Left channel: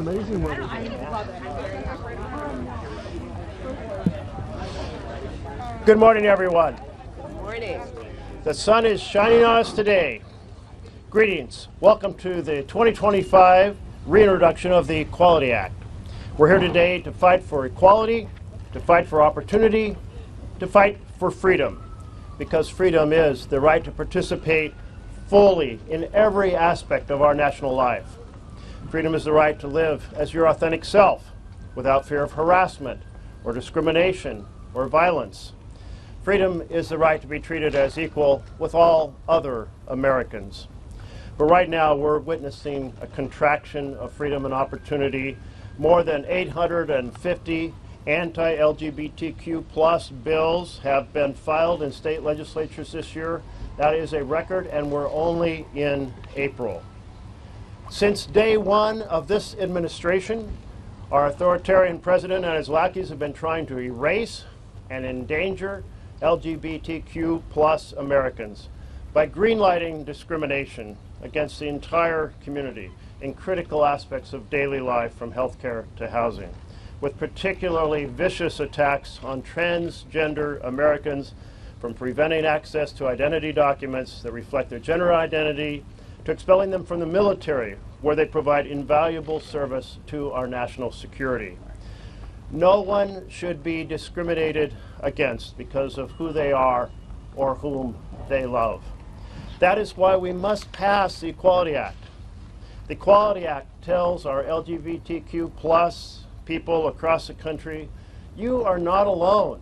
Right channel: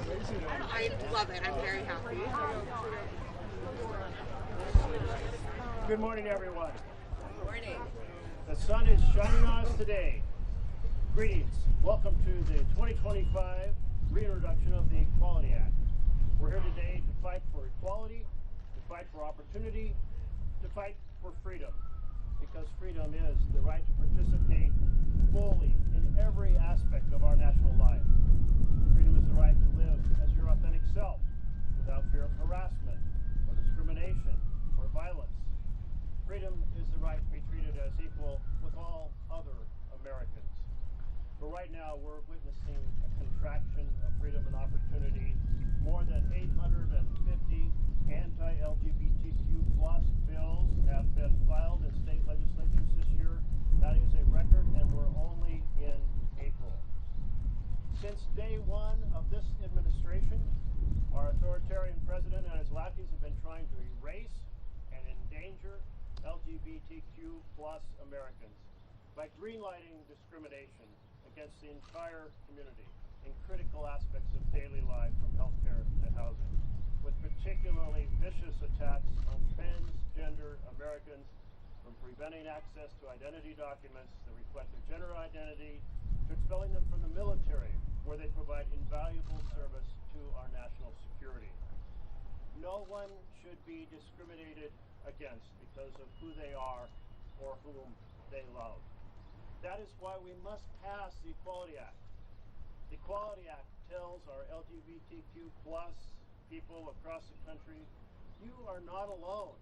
amazing weather. I love it. I'm very happy. Good morning, everyone. Good morning. The sun is shining on us today. Greetings. Welcome to the 2025 reintroduction of the Equality Act. We're here today to fight for equality, to fight for opportunity, to fight for freedom, because freedom is the right to participate fully in every aspect of our national life. Freedom is the right to live as your authentic self without fear of harassment or discrimination or violence. Freedom is the right to be treated as equal with all other Americans. But right now we're witnessing a contraction of freedom and opportunity. More than 850 anti-LGBTQ plus bills have been filed in state legislatures this year. That is a record, and we're only in April. Since day one of this administration, our authoritarian president and his lackeys have been trying to erase and endanger LGBTQ plus Americans by greenlighting discrimination against the entire community in critical aspects of daily life, from healthcare to housing, with particularly vicious attacks on transgender Americans, from preventing access to identity documents that reflect their gender identity, to expelling them from the military, where they provide invaluable service to our national security. No one should be discriminated against because of who they are or whom they love. That is why we must pass the Equality Act. The Equality Act tells our LGBTQ plus people across the country, you are not alone.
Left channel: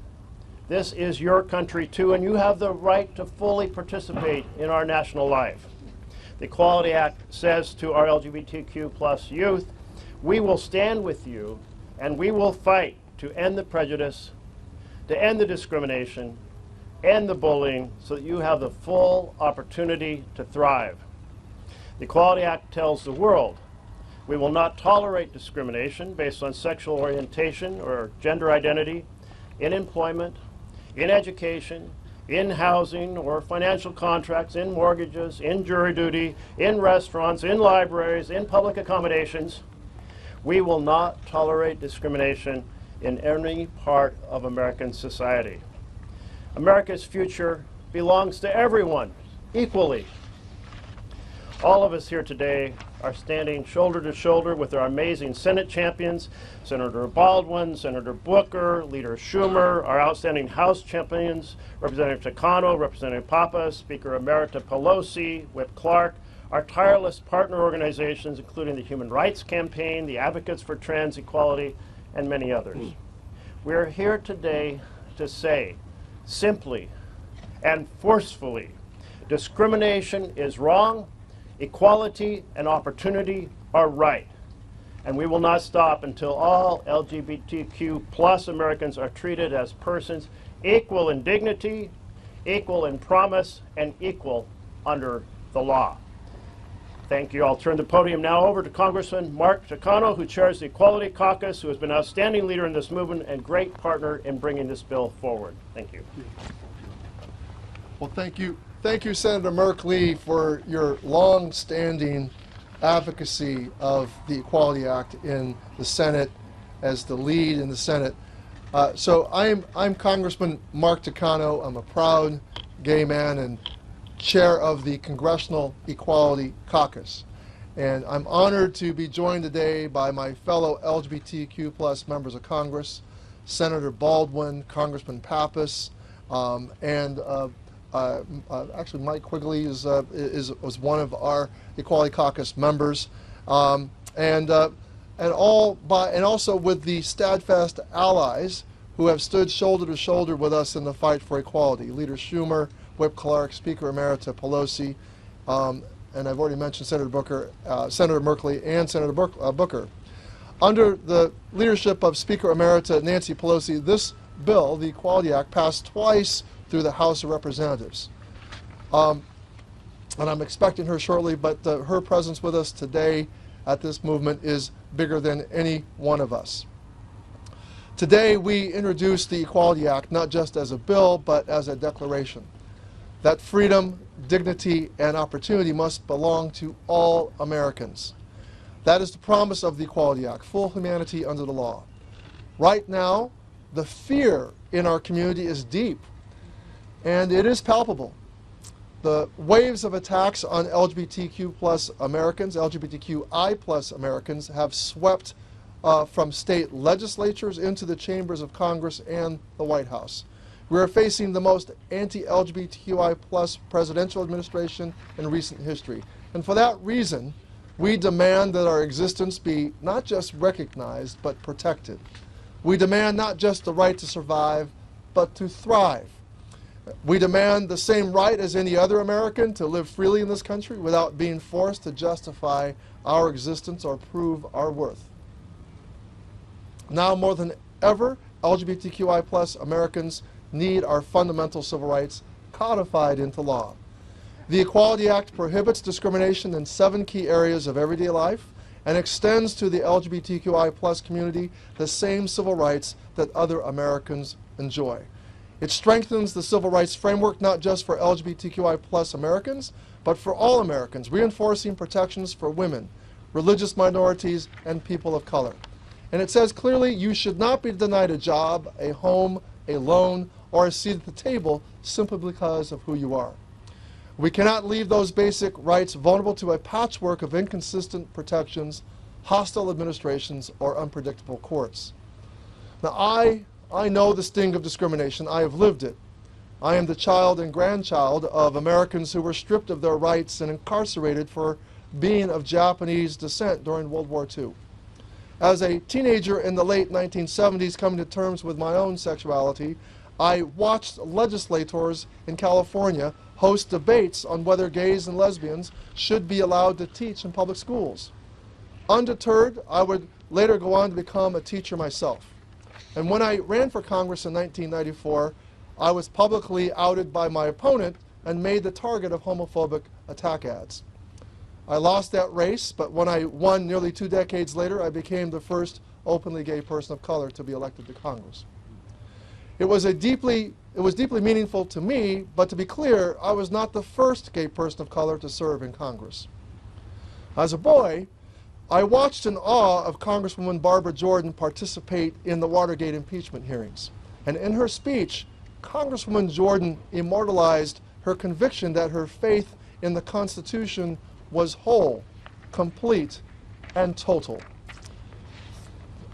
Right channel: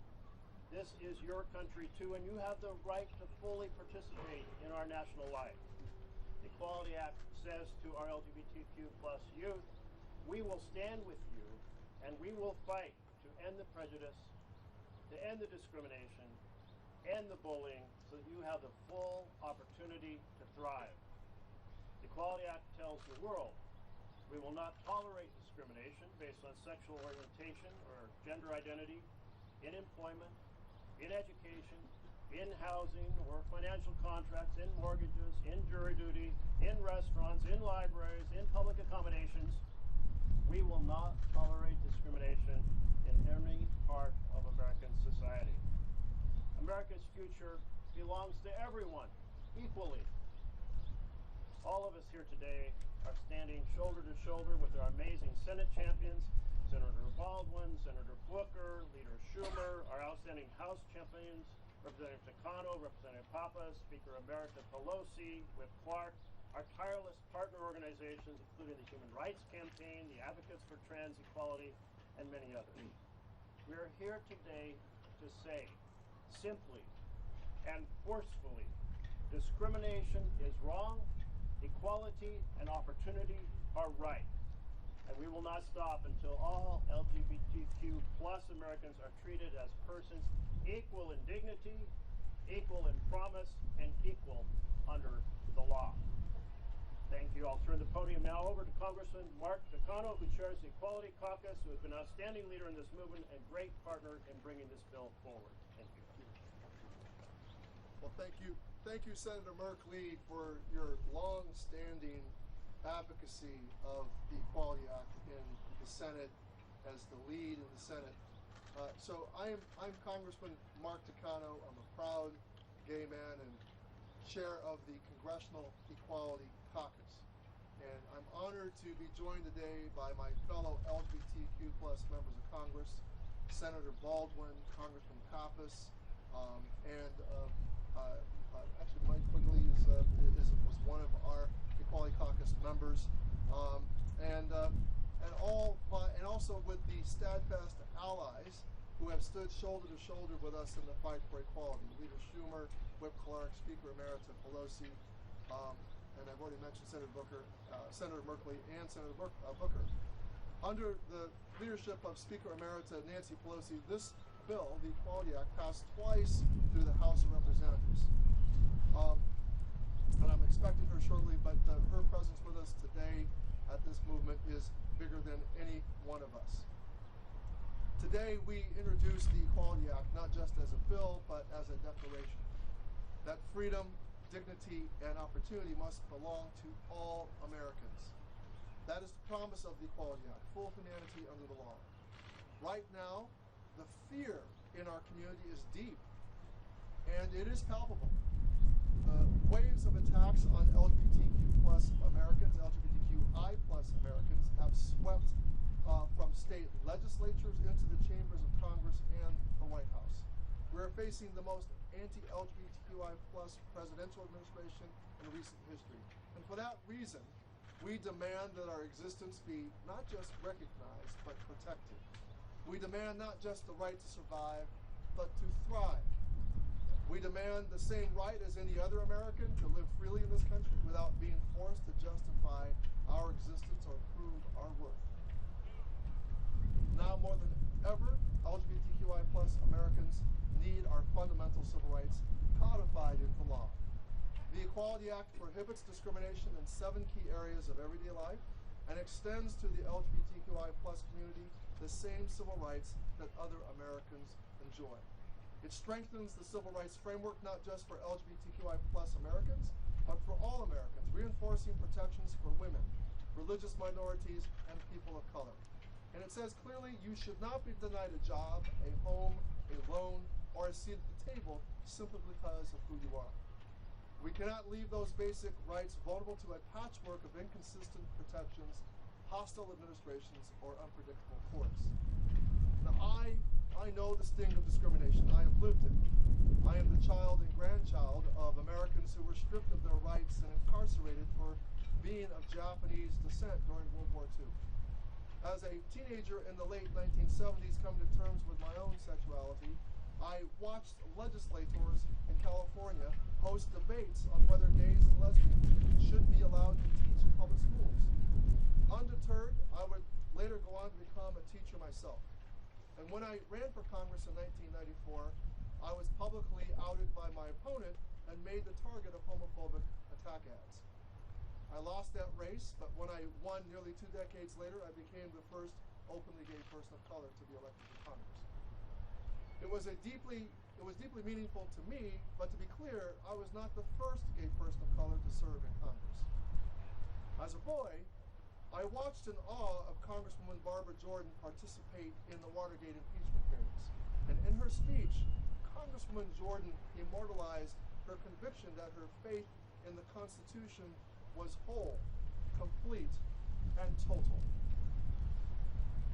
This is your country too, and you have the right to fully participate in our national life. The Equality Act says to our LGBTQ plus youth, we will stand with you and we will fight to end the prejudice, to end the discrimination, end the bullying, so that you have the full opportunity to thrive. The Equality Act tells the world, we will not tolerate discrimination based on sexual orientation or gender identity in employment, in education, in housing or financial contracts, in mortgages, in jury duty, in restaurants, in libraries, in public accommodations. We will not tolerate discrimination in any part of American society. America's future belongs to everyone equally. All of us here today are standing shoulder to shoulder with our amazing Senate champions, Senator Baldwin, Senator Booker, Leader Schumer, our outstanding House champions, Representative Takano, Representative Papus, Speaker Emerita Pelosi, Whip Clark, our tireless partner organizations, including the Human Rights Campaign, the Advocates for Trans Equality, and many others. We are here today to say, simply and forcefully, discrimination is wrong, equality and opportunity are right. And we will not stop until all LGBTQ plus Americans are treated as persons equal in dignity, equal in promise, and equal under the law. Thank you. I'll turn the podium now over to Congressman Takano, who chairs the Equality Caucus, who has been an outstanding leader in this movement and great partner in bringing this bill forward. Thank you. Well, thank you. Thank you, Senator Merkley, for your long-standing advocacy of the Equality Act in the Senate as the lead in the Senate. So I'm Congressman Mark Takano. I'm a proud gay man and chair of the Congressional Equality Caucus. And I'm honored to be joined today by my fellow LGBTQ plus members of Congress, Senator Baldwin, Congressman Papus, and actually Mike Quigley was one of our Equality Caucus members, and also with the steadfast allies who have stood shoulder to shoulder with us in the fight for equality. Leader Schumer, Whip Clark, Speaker Emerita Pelosi, and I've already mentioned Senator Booker, Senator Merkley, and Senator Booker. Under the leadership of Speaker Emerita Nancy Pelosi, this bill, the Equality Act, passed twice through the House of Representatives. And I'm expecting her shortly, but her presence with us today at this movement is bigger than any one of us. Today we introduce the Equality Act not just as a bill, but as a declaration that freedom, dignity, and opportunity must belong to all Americans. That is the promise of the Equality Act, full humanity under the law. Right now, the fear in our community is deep, and it is palpable. The waves of attacks on LGBTQ plus Americans, LGBTQI plus Americans, have swept from state legislatures into the chambers of Congress and the White House. We are facing the most anti-LGBTQI plus presidential administration in recent history. And for that reason, we demand that our existence be not just recognized, but protected. We demand not just the right to survive, but to thrive. We demand the same right as any other American to live freely in this country without being forced to justify our existence or prove our worth. Now more than ever, LGBTQI plus Americans need our fundamental civil rights codified into law. The Equality Act prohibits discrimination in 7 key areas of everyday life and extends to the LGBTQI plus community the same civil rights that other Americans enjoy. It strengthens the civil rights framework not just for LGBTQI plus Americans, but for all Americans, reinforcing protections for women, religious minorities, and people of color. And it says clearly you should not be denied a job, a home, a loan, or a seat at the table simply because of who you are. We cannot leave those basic rights vulnerable to a patchwork of inconsistent protections, hostile administrations, or unpredictable courts. Now, I know the sting of discrimination. I have lived it. I am the child and grandchild of Americans who were stripped of their rights and incarcerated for being of Japanese descent during World War II. As a teenager in the late 1970s, coming to terms with my own sexuality, I watched legislators in California host debates on whether gays and lesbians should be allowed to teach in public schools. Undeterred, I would later go on to become a teacher myself. And when I ran for Congress in 1994, I was publicly outed by my opponent and made the target of homophobic attack ads. I lost that race, but when I won nearly 2 decades later, I became the first openly gay person of color to be elected to Congress. It was deeply meaningful to me, but to be clear, I was not the first gay person of color to serve in Congress. As a boy, I watched in awe of Congresswoman Barbara Jordan participate in the Watergate impeachment hearings. And in her speech, Congresswoman Jordan immortalized her conviction that her faith in the Constitution was whole, complete, and total.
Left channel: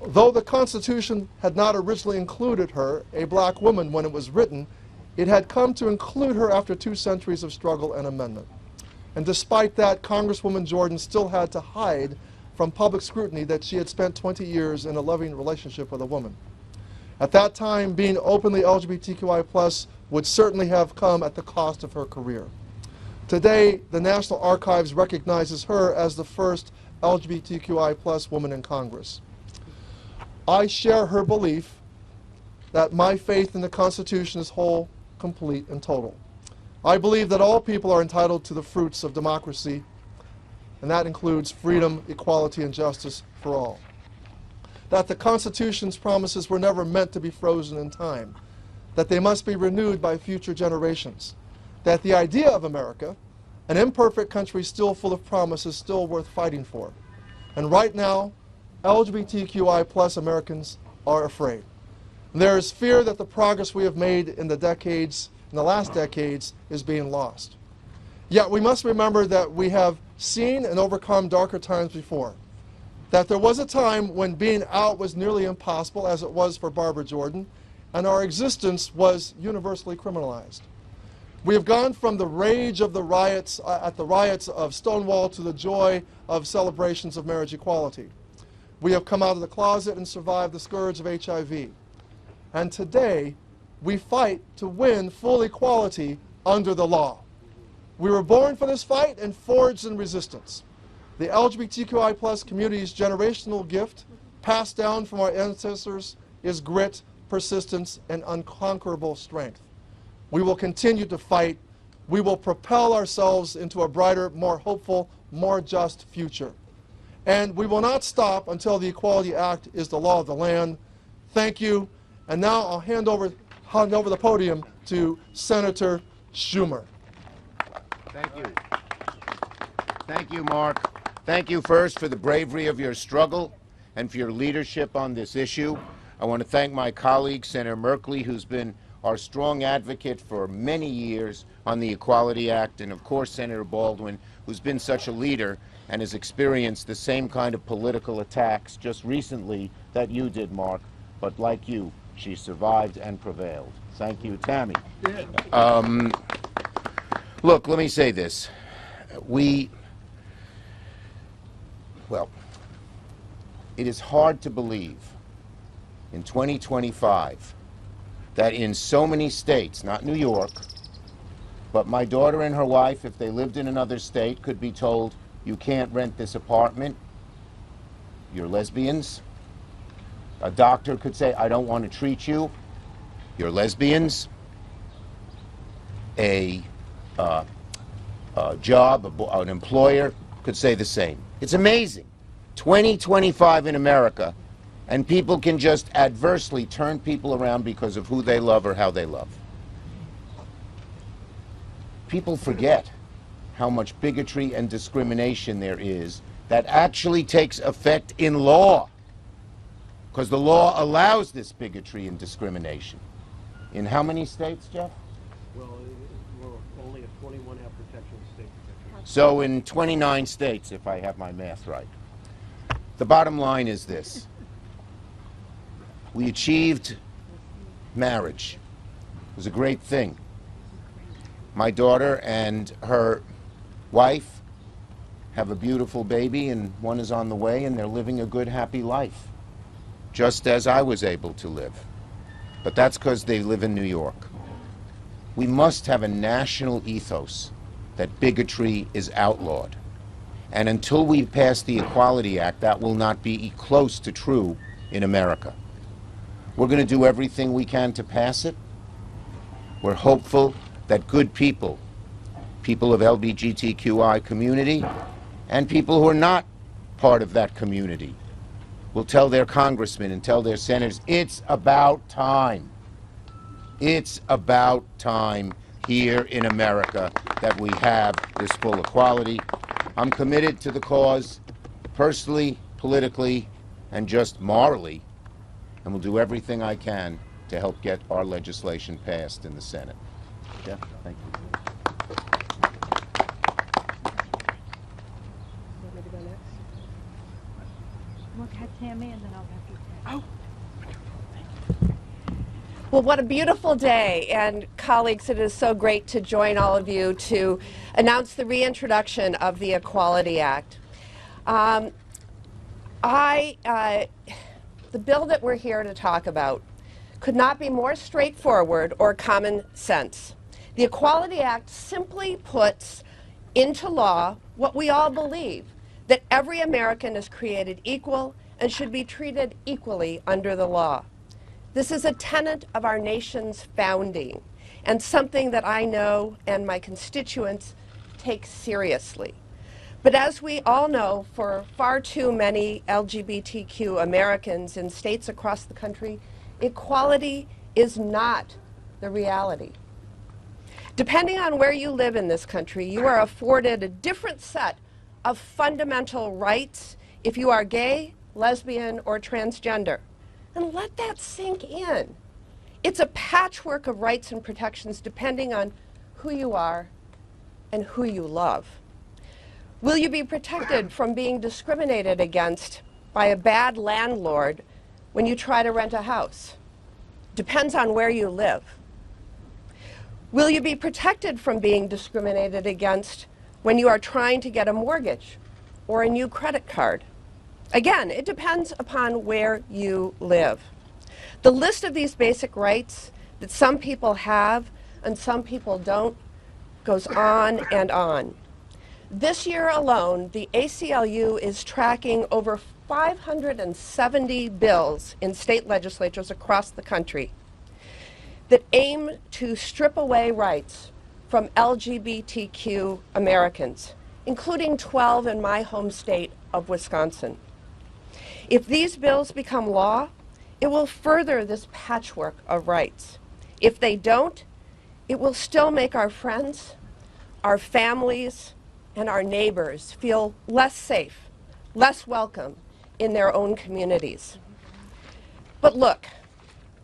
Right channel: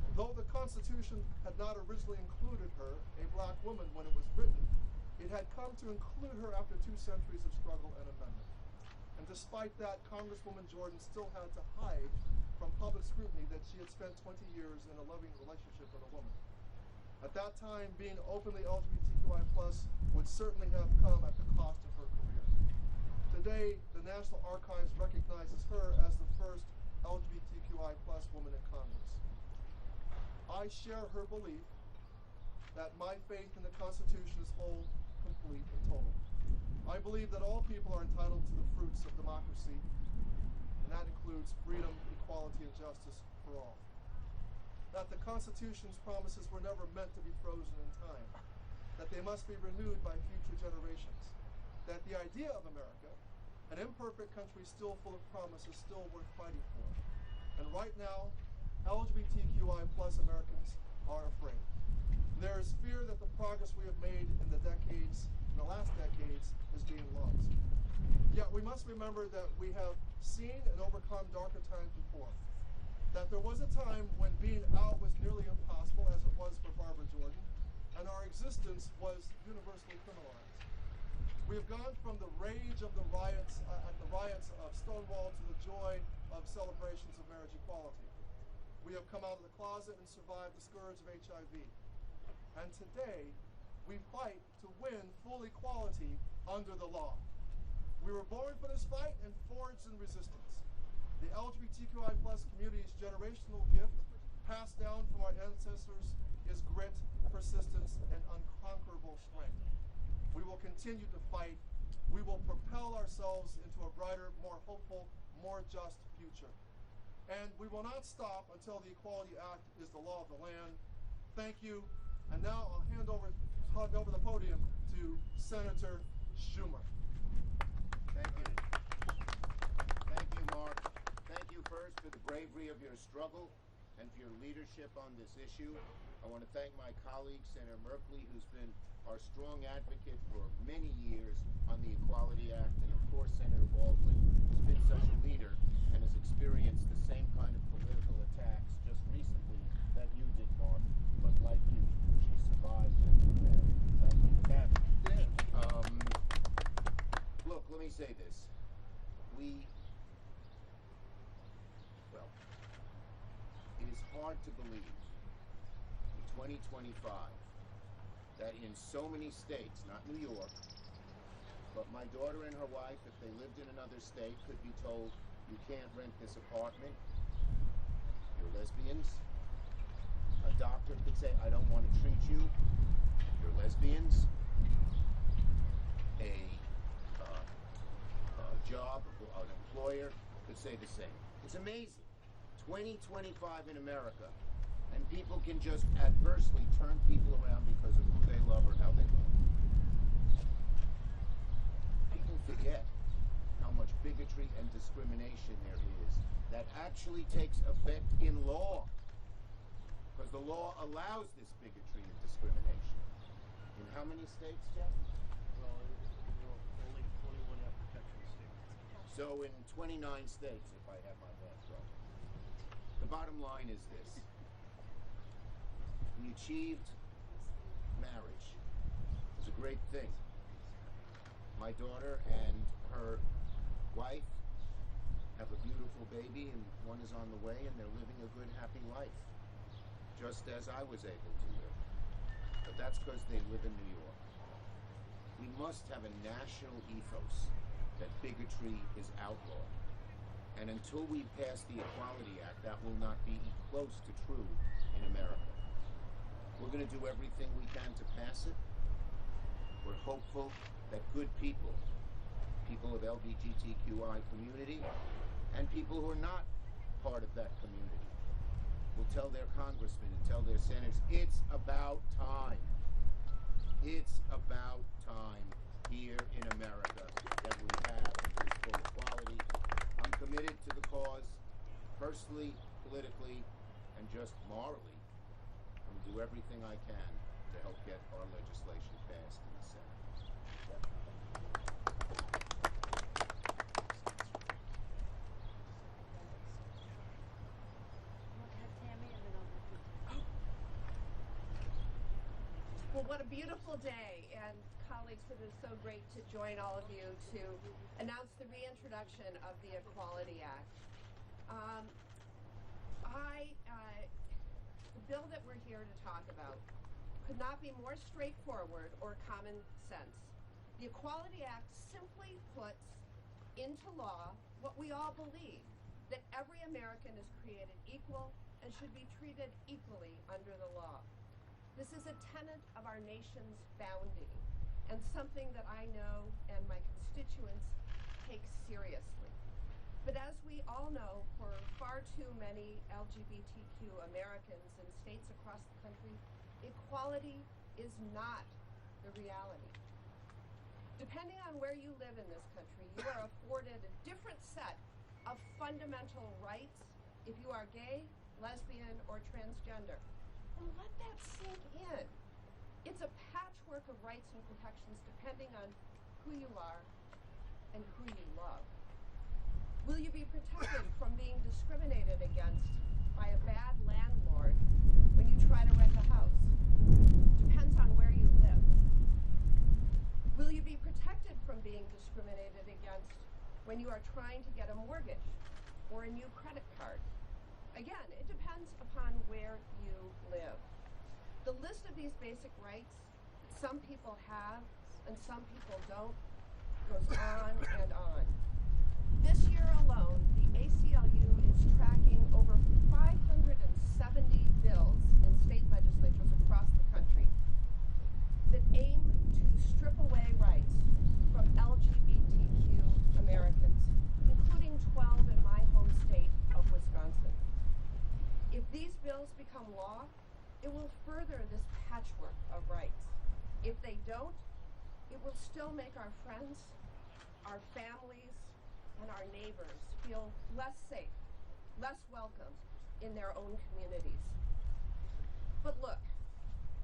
Though the Constitution had not originally included her, a black woman, when it was written, it had come to include her after 2 centuries of struggle and amendment. And despite that, Congresswoman Jordan still had to hide from public scrutiny that she had spent 20 years in a loving relationship with a woman. At that time, being openly LGBTQI+ would certainly have come at the cost of her career. Today, the National Archives recognizes her as the first LGBTQI+ woman in Congress. I share her belief that my faith in the Constitution is whole, complete, and total. I believe that all people are entitled to the fruits of democracy, and that includes freedom, equality, and justice for all. That the Constitution's promises were never meant to be frozen in time, that they must be renewed by future generations, that the idea of America, an imperfect country still full of promise, is still worth fighting for. And right now, LGBTQI+ Americans are afraid. And there is fear that the progress we have made in the last decades, is being lost. Yet we must remember that we have seen and overcome darker times before. That there was a time when being out was nearly impossible, as it was for Barbara Jordan, and our existence was universally criminalized. We have gone from the rage of the riots, of Stonewall, to the joy of celebrations of marriage equality. We have come out of the closet and survived the scourge of HIV. And today, we fight to win full equality under the law. We were born for this fight and forged in resistance. The LGBTQI+ community's generational gift, passed down from our ancestors, is grit, persistence, and unconquerable strength. We will continue to fight. We will propel ourselves into a brighter, more hopeful, more just future. And we will not stop until the Equality Act is the law of the land. Thank you. And now I'll hand over the podium to Senator Schumer. Thank you. Thank you, Mark. Thank you first for the bravery of your struggle and for your leadership on this issue. I want to thank my colleague, Senator Merkley, who's been our strong advocate for many years on the Equality Act, and of course Senator Baldwin, who's been such a leader and has experienced the same kind of political attacks just recently that you did, Mark. But like you, she survived and prevailed. Thank you, Tammy. Look, let me say this. Well, it is hard to believe in 2025 that in so many states, not New York, but my daughter and her wife, if they lived in another state, could be told, you can't rent this apartment, you're lesbians. A doctor could say, I don't want to treat you, you're lesbians. An employer could say the same. It's amazing. 2025 in America, and people can just adversely turn people around because of who they love or how they love. People forget how much bigotry and discrimination there is that actually takes effect in law, because the law allows this bigotry and discrimination. In how many states, Jeff? Well, we're only at 21 have protection, state protection. So in 29 states, if I have my math right. The bottom line is this. We achieved marriage. It was a great thing. My daughter and her wife have a beautiful baby, and one is on the way, and they're living a good, happy life, just as I was able to live. But that's because they live in New York. We must have a national ethos that bigotry is outlawed. And until we pass the Equality Act, that will not be close to true in America. We're going to do everything we can to pass it. We're hopeful that good people, people of LGBTQI community, and people who are not part of that community, will tell their congressmen and tell their senators, it's about time. It's about time here in America that we have this full equality. I'm committed to the cause personally, politically, and just morally, and will do everything I can to help get our legislation passed in the Senate. Jeff, thank you. We'll have Tammy and then I'll have you. Well, what a beautiful day. And colleagues, it is so great to join all of you to announce the reintroduction of the Equality Act. The bill that we're here to talk about could not be more straightforward or common sense. The Equality Act simply puts into law what we all believe, that every American is created equal and should be treated equally under the law. This is a tenet of our nation's founding, and something that I know and my constituents take seriously. But as we all know, for far too many LGBTQ Americans in states across the country, equality is not the reality. Depending on where you live in this country, you are afforded a different set of fundamental rights if you are gay, lesbian, or transgender. And let that sink in. It's a patchwork of rights and protections depending on who you are and who you love. Will you be protected from being discriminated against by a bad landlord when you try to rent a house? Depends on where you live. Will you be protected from being discriminated against when you are trying to get a mortgage or a new credit card? Again, it depends upon where you live. The list of these basic rights that some people have and some people don't goes on and on. This year alone, the ACLU is tracking over 570 bills in state legislatures across the country that aim to strip away rights from LGBTQ Americans, including 12 in my home state of Wisconsin. If these bills become law, it will further this patchwork of rights. If they don't, it will still make our friends, our families, and our neighbors feel less safe, less welcome in their own communities. But look,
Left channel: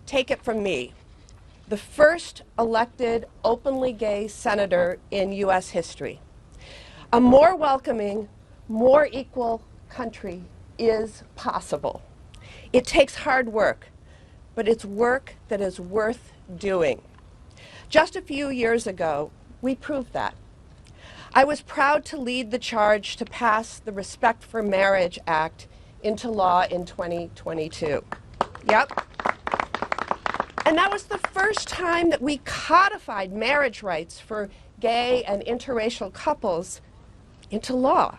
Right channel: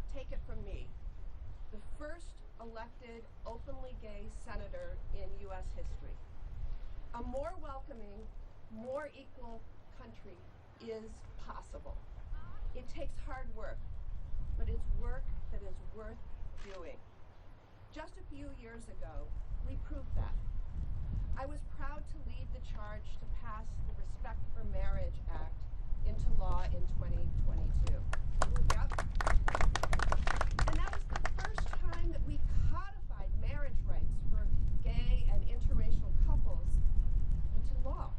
take it from me, the first elected openly gay senator in U.S. history. A more welcoming, more equal country is possible. It takes hard work, but it's work that is worth doing. Just a few years ago, we proved that. I was proud to lead the charge to pass the Respect for Marriage Act into law in 2022. Yep. And that was the first time that we codified marriage rights for gay and interracial couples into law.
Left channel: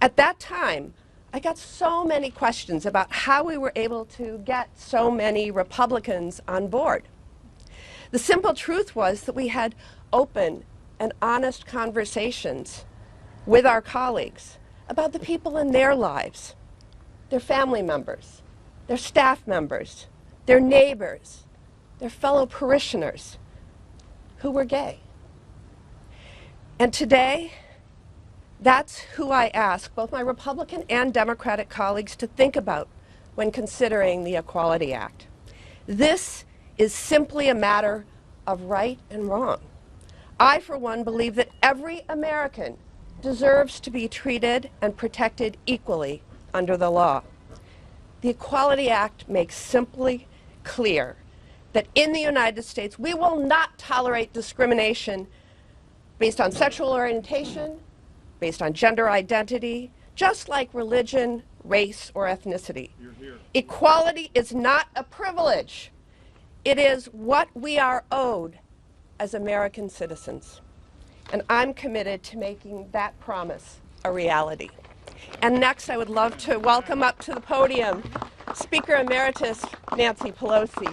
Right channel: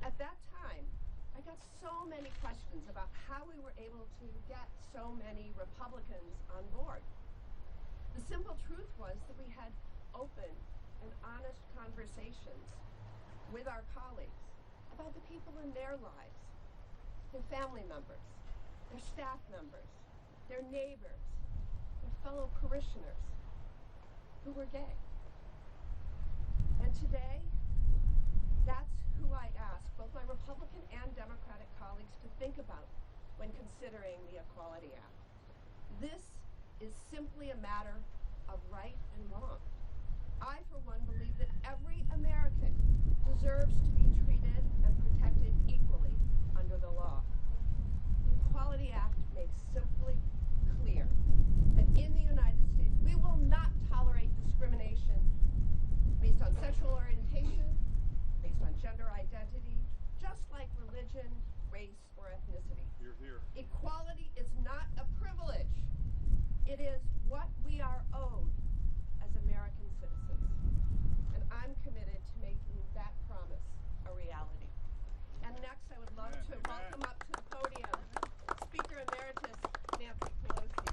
At that time, I got so many questions about how we were able to get so many Republicans on board. The simple truth was that we had open and honest conversations with our colleagues about the people in their lives, their family members, their staff members, their neighbors, their fellow parishioners who were gay. And today, that's who I ask both my Republican and Democratic colleagues to think about when considering the Equality Act. This is simply a matter of right and wrong. I, for one, believe that every American deserves to be treated and protected equally under the law. The Equality Act makes simply clear that in the United States, we will not tolerate discrimination based on sexual orientation, based on gender identity, just like religion, race, or ethnicity. Equality is not a privilege. It is what we are owed as American citizens. And I'm committed to making that promise a reality. And next, I would love to welcome up to the podium Speaker Emeritus Nancy Pelosi.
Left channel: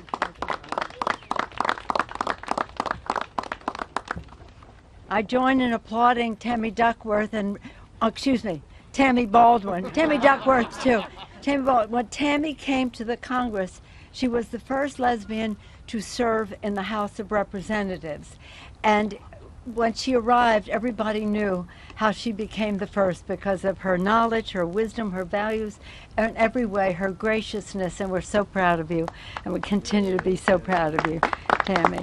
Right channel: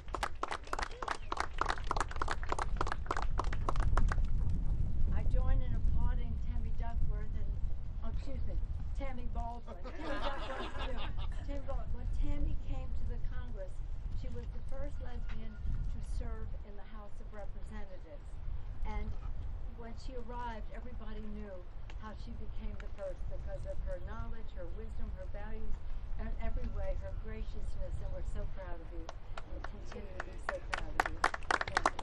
I join in applauding Tammy Duckworth and, Tammy Baldwin. Tammy Duckworth, too. Tammy Baldwin. When Tammy came to the Congress, she was the first lesbian to serve in the House of Representatives. And when she arrived, everybody knew how she became the first because of her knowledge, her wisdom, her values, and in every way, her graciousness. And we're so proud of you, and we continue to be so proud of you, Tammy.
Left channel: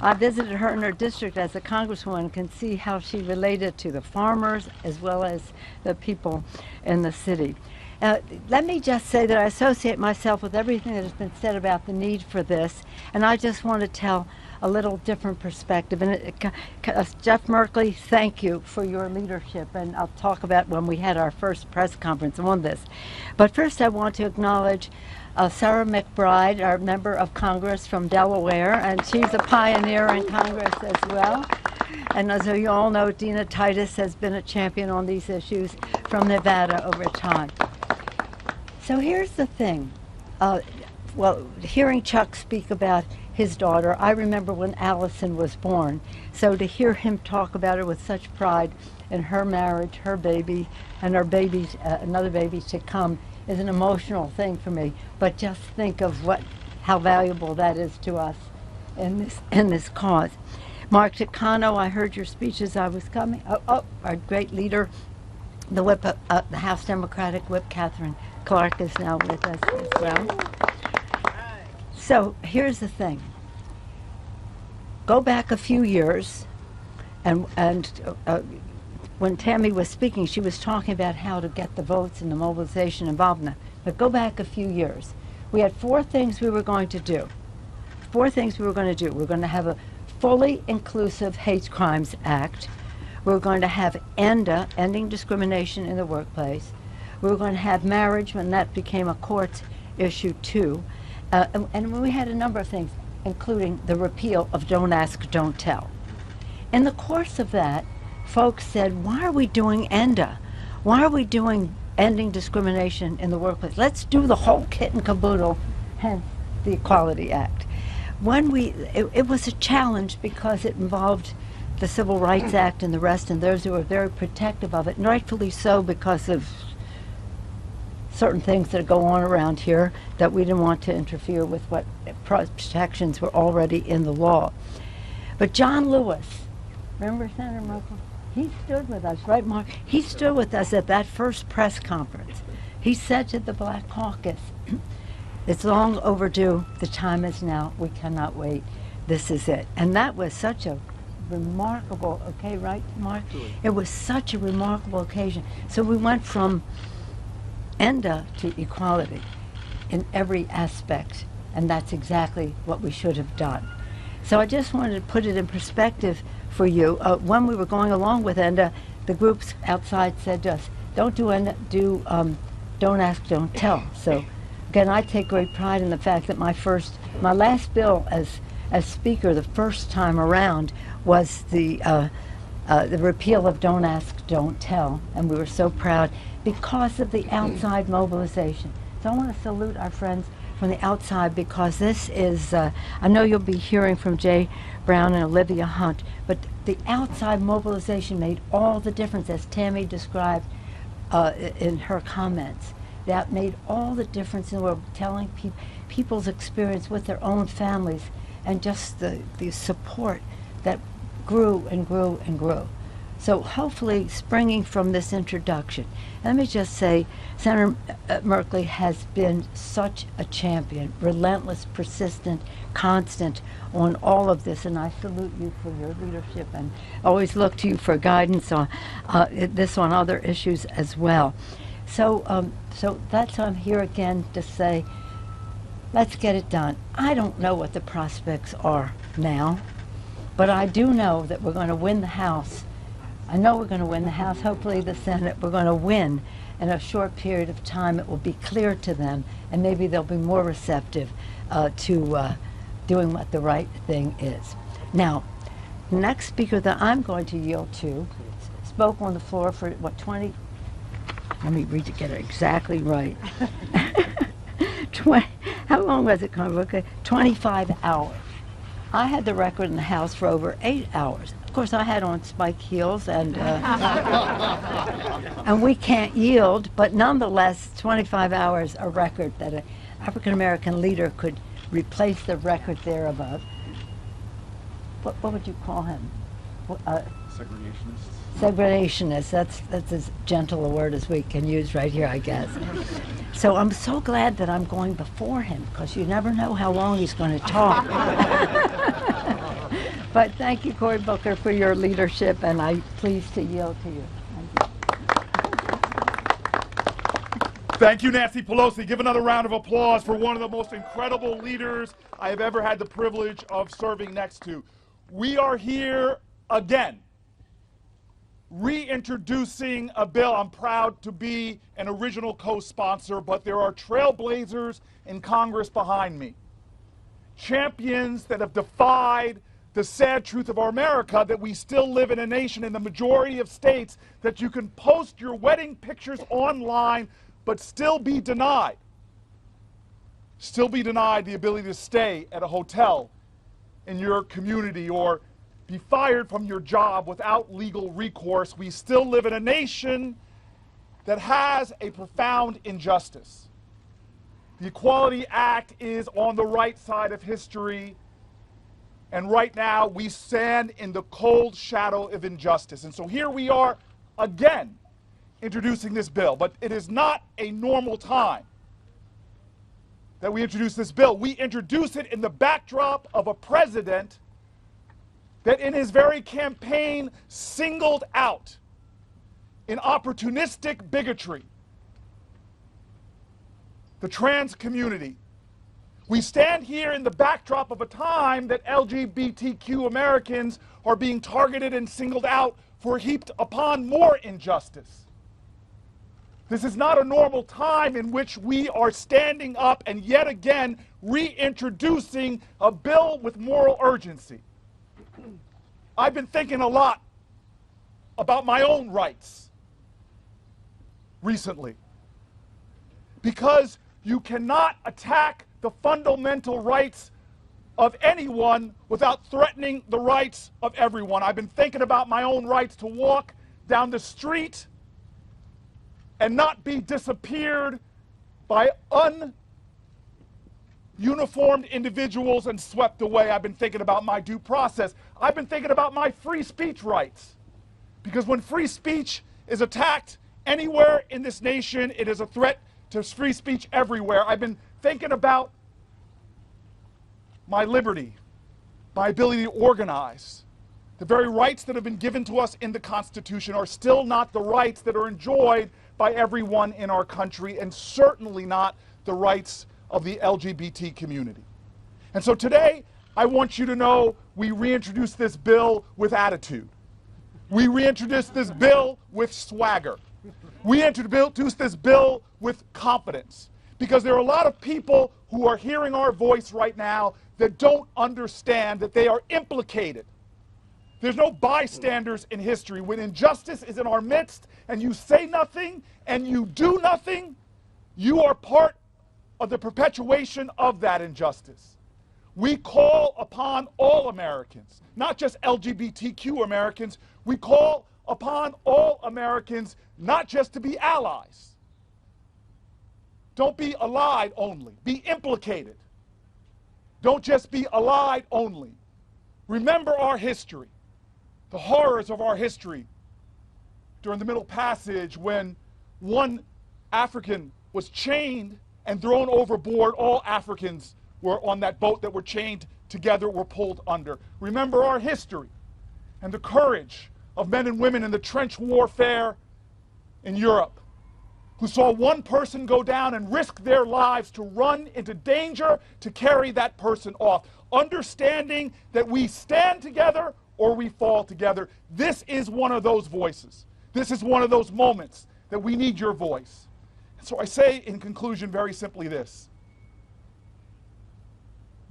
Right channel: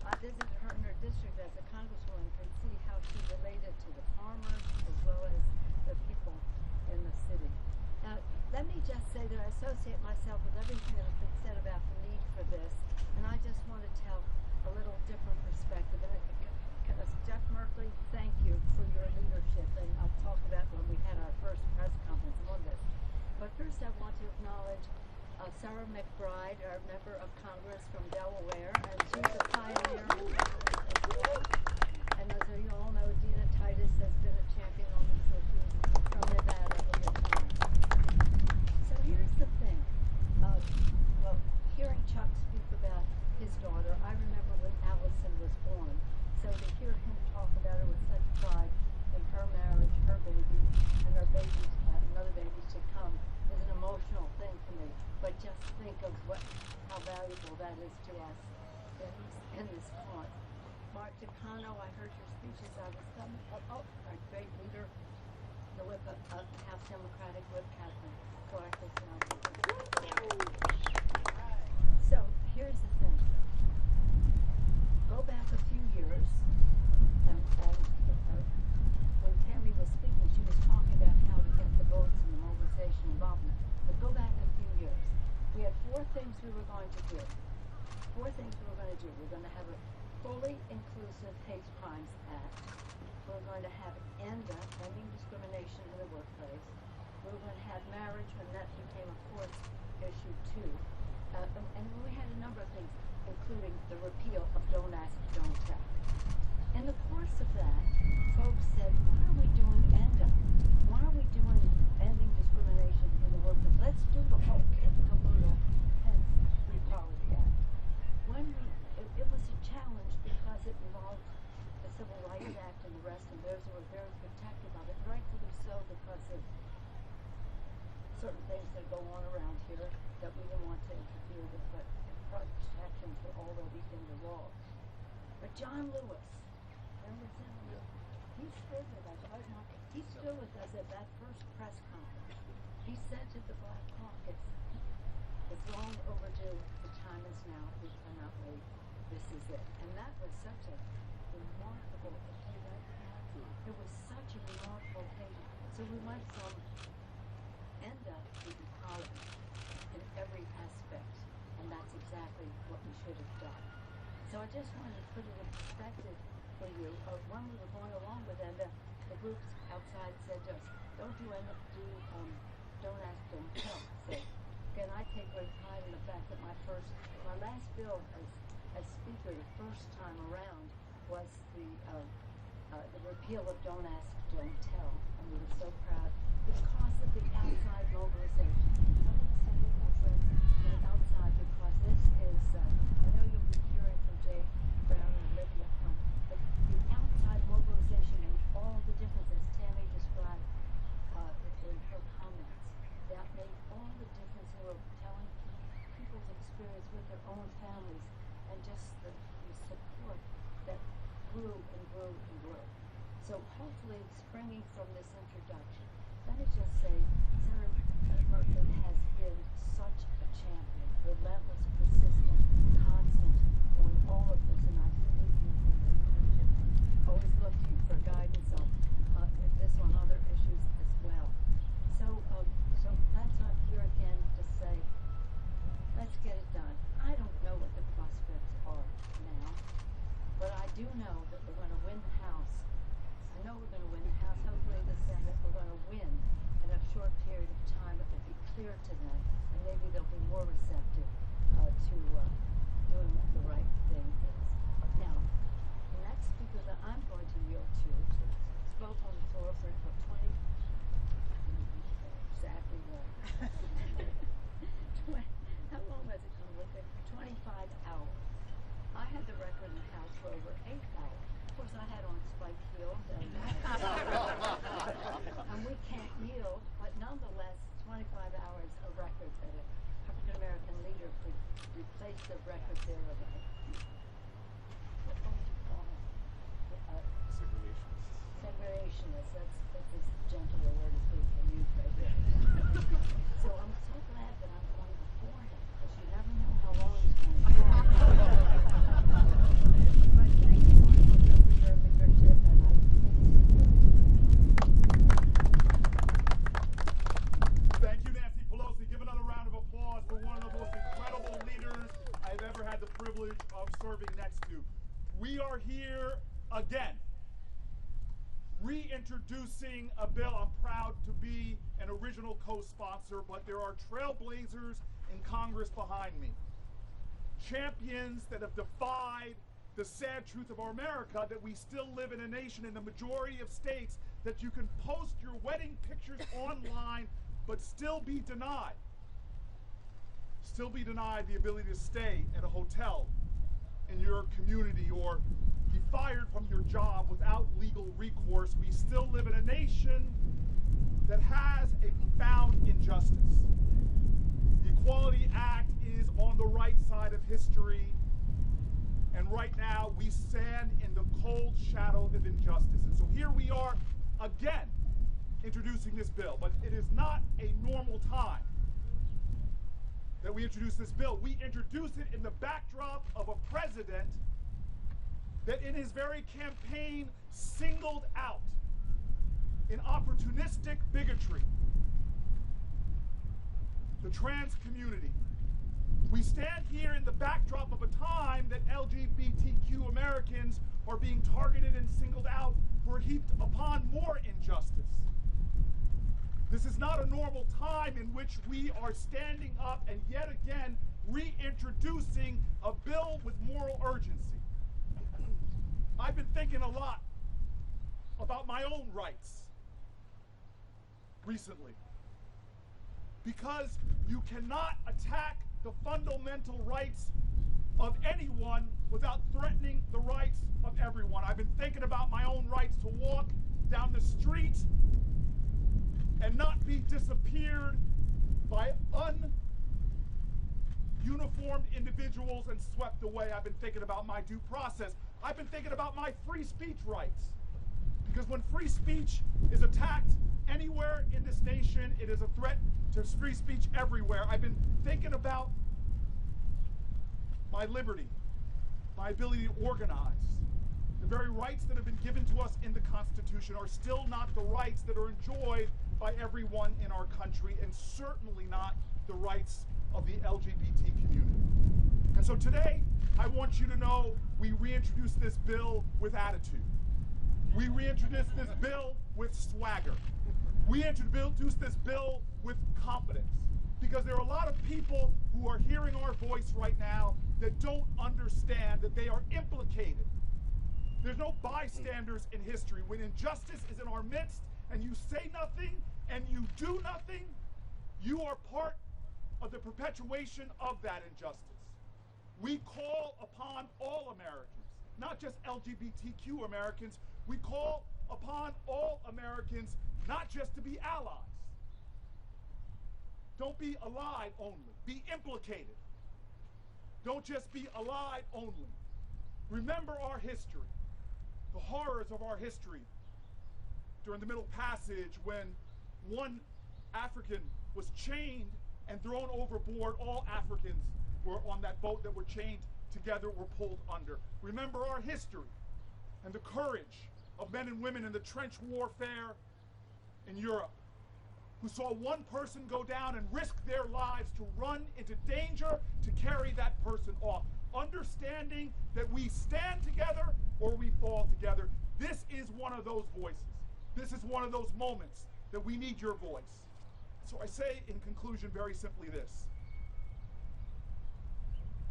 I visited her in her district as a congresswoman and can see how she related to the farmers as well as the people in the city. Let me just say that I associate myself with everything that has been said about the need for this, and I just want to tell a little different perspective. And Jeff Merkley, thank you for your leadership, and I'll talk about when we had our first press conference on this. But first I want to acknowledge Sarah McBride, our member of Congress from Delaware, and she's a pioneer in Congress as well. And as you all know, Dina Titus has been a champion on these issues from Nevada over time. So here's the thing. Well, hearing Chuck speak about his daughter, I remember when Allison was born. So to hear him talk about her with such pride in her marriage, her baby, and her babies, another baby to come, is an emotional thing for me. But just think of how valuable that is to us in this cause. Mark Takano, I heard your speech as I was coming. Our great leader, the whip, the House Democratic whip, Catherine Clark, is now with us as well. So here's the thing. Go back a few years, and when Tammy was speaking, she was talking about how to get the votes and the mobilization involvement. But go back a few years. We had 4 things we were going to do. 4 things we were going to do. We're going to have a fully inclusive hate crimes act. We're going to have ENDA, ending discrimination in the workplace. We were going to have marriage when that became a court issue too. And we had a number of things, including the repeal of Don't Ask, Don't Tell. In the course of that, folks said, why are we doing ENDA? Why are we doing ending discrimination in the workplace? Let's do the whole kit and caboodle, hence the Equality Act. It was a challenge because it involved the Civil Rights Act and the rest, and those who were very protective of it, and rightfully so because of certain things that go on around here that we didn't want to interfere with what protections were already in the law. But John Lewis, remember Senator Merkel? He stood with us, right, Mark? He stood with us at that first press conference. He said to the Black Caucus, it's long overdue. The time is now. We cannot wait. This is it. And that was such a remarkable, okay, right, Mark? It was such a remarkable occasion. So we went from ENDA to equality in every aspect, and that's exactly what we should have done. So I just wanted to put it in perspective for you. When we were going along with ENDA, the groups outside said to us, don't do ENDA, don't ask, don't tell. So again, I take great pride in the fact that my last bill as speaker the first time around was the repeal of Don't Ask, Don't Tell, and we were so proud because of the outside mobilization. So I want to salute our friends from the outside because this is, I know you'll be hearing from Jay Brown and Olivia Hunt, but the outside mobilization made all the difference, as Tammy described in her comments. That made all the difference in the world, telling people's experience with their own families and just the support that grew and grew and grew. So hopefully, springing from this introduction, let me just say, Senator Merkley has been such a champion, relentless, persistent, constant on all of this, and I salute you for your leadership and always look to you for guidance on this, on other issues as well. So, so that's why I'm here again to say, let's get it done. I don't know what the prospects are now, but I do know that we're going to win the House. I know we're going to win the House, hopefully the Senate. We're going to win in a short period of time. It will be clear to them, and maybe they'll be more receptive to doing what the right thing is. Now, the next speaker that I'm going to yield to spoke on the floor for, what, 20, let me read to get it exactly right. 20, how long was it, Congressman? 25 hours. I had the record in the House for over 8 hours. Of course, I had on spike heels, and and we can't yield, but nonetheless, 25 hours, a record that an African-American leader could replace the record there above. What would you call him? Segregationist. Segregationist. That's as gentle a word as we can use right here, I guess. So I'm so glad that I'm going before him, because you never know how long he's going to talk. But thank you, Cory Booker, for your leadership, and I'm pleased to yield to you. Thank you, Nancy Pelosi. Give another round of applause for one of the most incredible leaders I have ever had the privilege of serving next to. We are here again, reintroducing a bill. I'm proud to be an original co-sponsor, but there are trailblazers in Congress behind me. Champions that have defied the sad truth of our America, that we still live in a nation in the majority of states that you can post your wedding pictures online but still be denied the ability to stay at a hotel in your community or be fired from your job without legal recourse. We still live in a nation that has a profound injustice. The Equality Act is on the right side of history, and right now we stand in the cold shadow of injustice. And so here we are again introducing this bill, but it is not a normal time that we introduce this bill. We introduce it in the backdrop of a president that in his very campaign singled out in opportunistic bigotry the trans community. We stand here in the backdrop of a time that LGBTQ Americans are being targeted and singled out for heaped upon more injustice. This is not a normal time in which we are standing up and yet again reintroducing a bill with moral urgency. I've been thinking a lot about my own rights recently, because you cannot attack the fundamental rights of anyone without threatening the rights of everyone. I've been thinking about my own rights to walk down the street and not be disappeared by uniformed individuals and swept away. I've been thinking about my due process. I've been thinking about my free speech rights, Because when free speech is attacked anywhere in this nation, it is a threat to free speech everywhere. I've been thinking about my liberty, my ability to organize. The very rights that have been given to us in the Constitution are still not the rights that are enjoyed by everyone in our country, and certainly not the rights of the LGBT community. And so today, I want you to know we reintroduce this bill with attitude. We reintroduce this bill with swagger. We introduce this bill with confidence, because there are a lot of people who are hearing our voice right now that don't understand that they are implicated. There's no bystanders in history. When injustice is in our midst and you say nothing and you do nothing, you are part of the perpetuation of that injustice. We call upon all Americans, not just LGBTQ Americans. We call upon all Americans not just to be allies. Don't be allied only. Be implicated. Don't just be allied only. Remember our history, the horrors of our history during the Middle Passage, when one African was chained and thrown overboard. All Africans were on that boat that were chained together, were pulled under. Remember our history and the courage of men and women in the trench warfare in Europe, who saw one person go down and risk their lives to run into danger to carry that person off, understanding that we stand together or we fall together. This is one of those voices. This is one of those moments that we need your voice. And so I say in conclusion very simply this:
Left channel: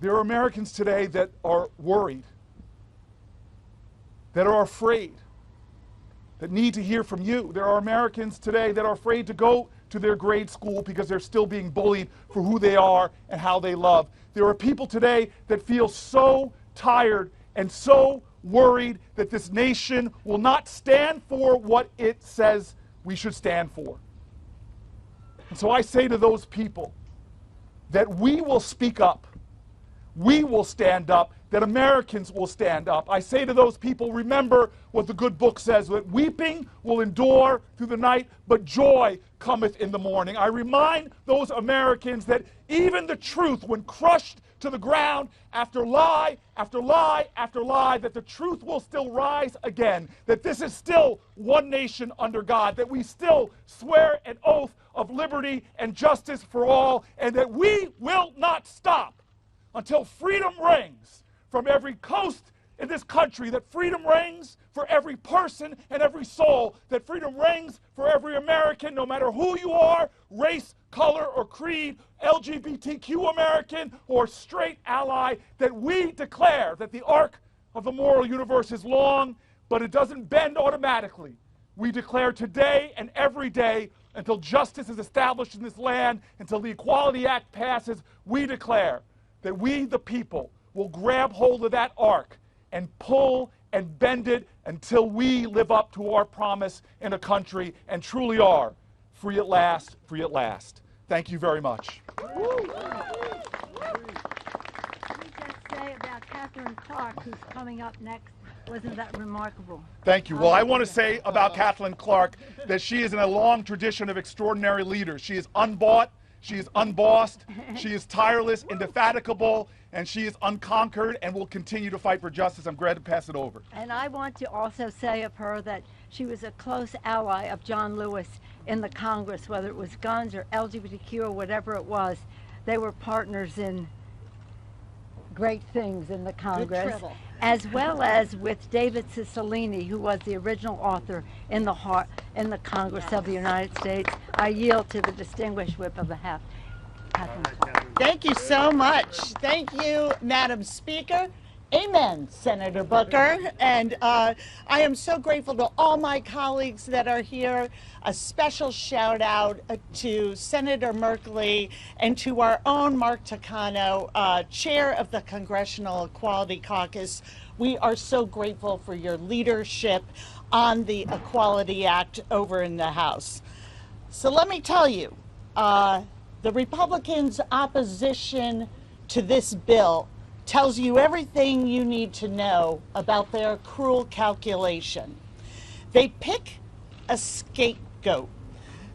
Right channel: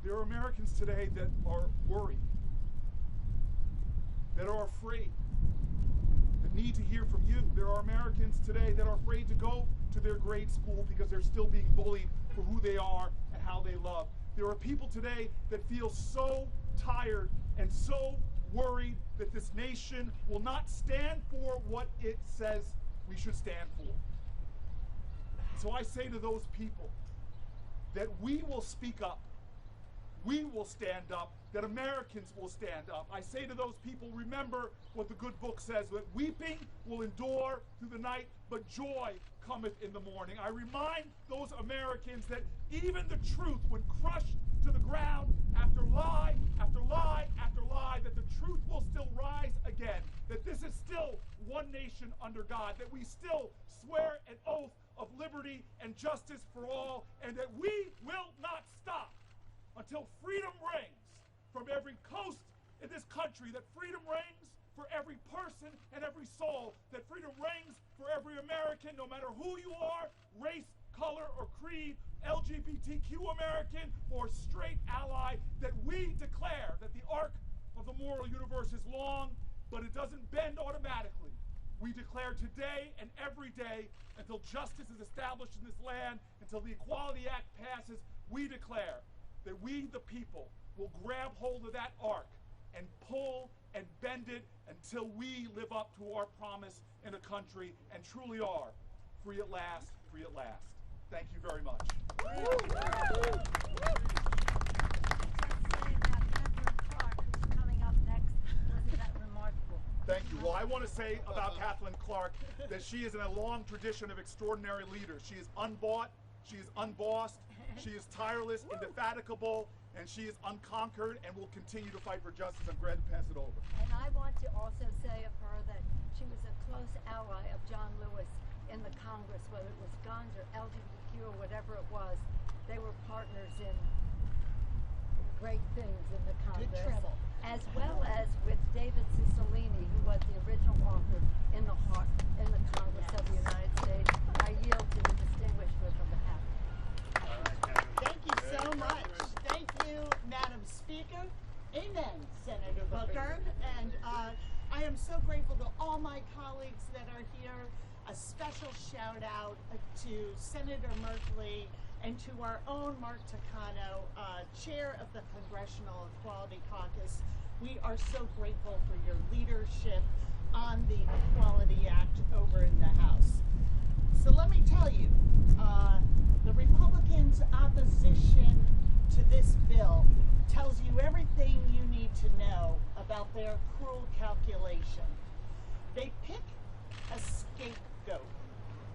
there are Americans today that are worried, that are afraid, that need to hear from you. There are Americans today that are afraid to go to their grade school because they're still being bullied for who they are and how they love. There are people today that feel so tired and so worried that this nation will not stand for what it says we should stand for. And so I say to those people that we will speak up, we will stand up, that Americans will stand up. I say to those people, remember what the good book says, that weeping will endure through the night, but joy cometh in the morning. I remind those Americans that even the truth, when crushed to the ground after lie after lie after lie, that the truth will still rise again, that this is still one nation under God, that we still swear an oath of liberty and justice for all, and that we will not stop until freedom rings from every coast in this country, that freedom reigns for every person and every soul, that freedom reigns for every American, no matter who you are, race, color, or creed, LGBTQ American or straight ally, that we declare that the arc of the moral universe is long, but it doesn't bend automatically. We declare today and every day, until justice is established in this land, until the Equality Act passes, we declare that we, the people, will grab hold of that arc and pull and bend it until we live up to our promise in a country and truly are free at last, free at last. Thank you very much. Let me just say about Catherine Clark, who's coming up next. Wasn't that remarkable? Thank you. Well, I want to say about Kathleen Clark that she is in a long tradition of extraordinary leaders. She is unbought, she is unbossed, she is tireless, indefatigable, and she is unconquered and will continue to fight for justice. I'm glad to pass it over. And I want to also say of her that she was a close ally of John Lewis in the Congress, whether it was guns or LGBTQ or whatever it was. They were partners in great things in the Congress, as well as with David Cicilline, who was the original author in the Congress of the United States. I yield to the distinguished whip of the House. Thank you so much. Thank you, Madam Speaker. Amen, Senator Booker. And I am so grateful to all my colleagues that are here. A special shout out to Senator Merkley and to our own Mark Takano, chair of the Congressional Equality Caucus. We are so grateful for your leadership on the Equality Act over in the House. So let me tell you, the Republicans' opposition to this bill tells you everything you need to know about their cruel calculation. They pick a scapegoat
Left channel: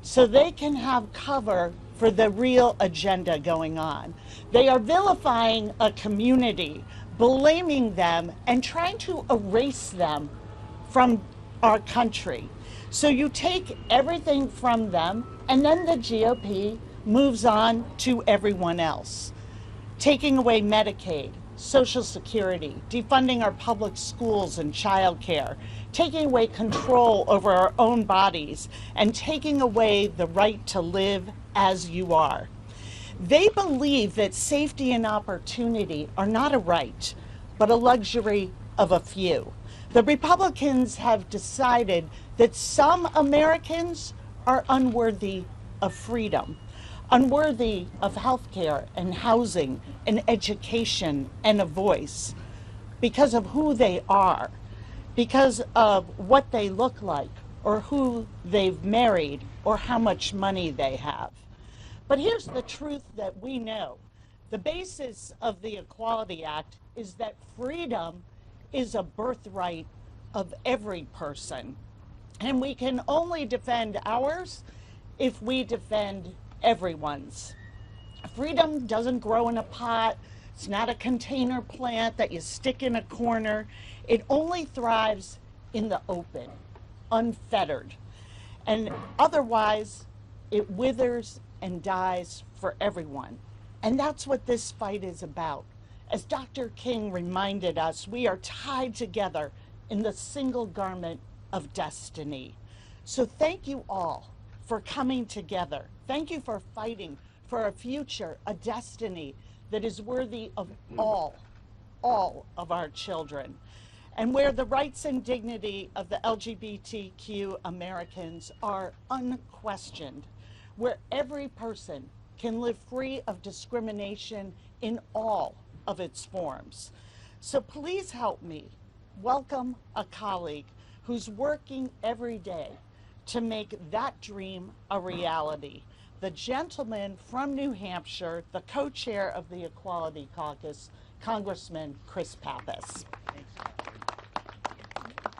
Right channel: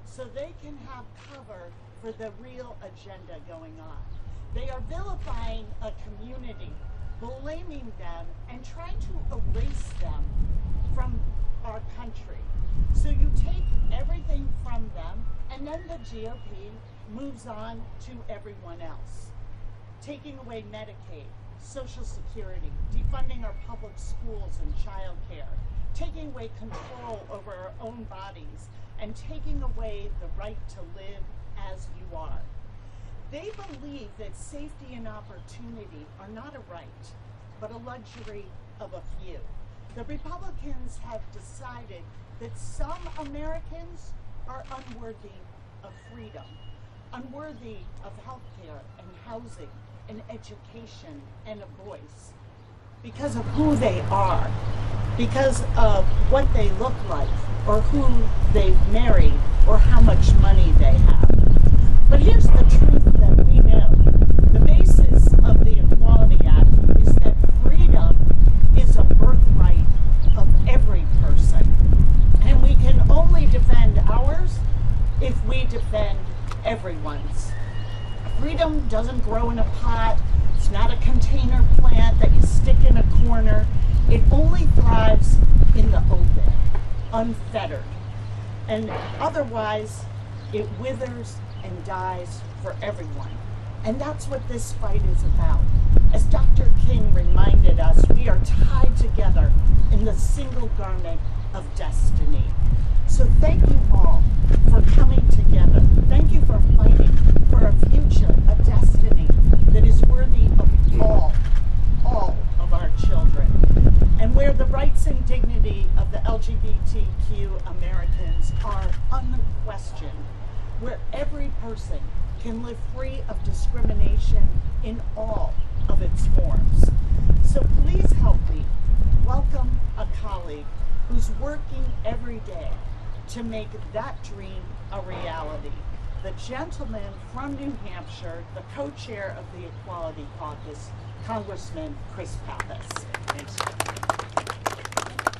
so they can have cover for the real agenda going on. They are vilifying a community, blaming them, and trying to erase them from our country. So you take everything from them, and then the GOP moves on to everyone else. Taking away Medicaid, Social Security, defunding our public schools and childcare, taking away control over our own bodies, and taking away the right to live as you are. They believe that safety and opportunity are not a right, but a luxury of a few. The Republicans have decided that some Americans are unworthy of freedom, unworthy of health care and housing and education and a voice because of who they are, because of what they look like, or who they've married, or how much money they have. But here's the truth that we know. The basis of the Equality Act is that freedom is a birthright of every person. And we can only defend ours if we defend everyone's. Freedom doesn't grow in a pot. It's not a container plant that you stick in a corner. It only thrives in the open, unfettered. And otherwise, it withers and dies for everyone. And that's what this fight is about. As Dr. King reminded us, we are tied together in the single garment of destiny. So thank you all for coming together. Thank you for fighting for a future, a destiny that is worthy of all of our children. And where the rights and dignity of the LGBTQ Americans are unquestioned, where every person can live free of discrimination in all of its forms. So please help me welcome a colleague who's working every day to make that dream a reality. The gentleman from New Hampshire, the co-chair of the Equality Caucus, Congressman Papus. Thanks.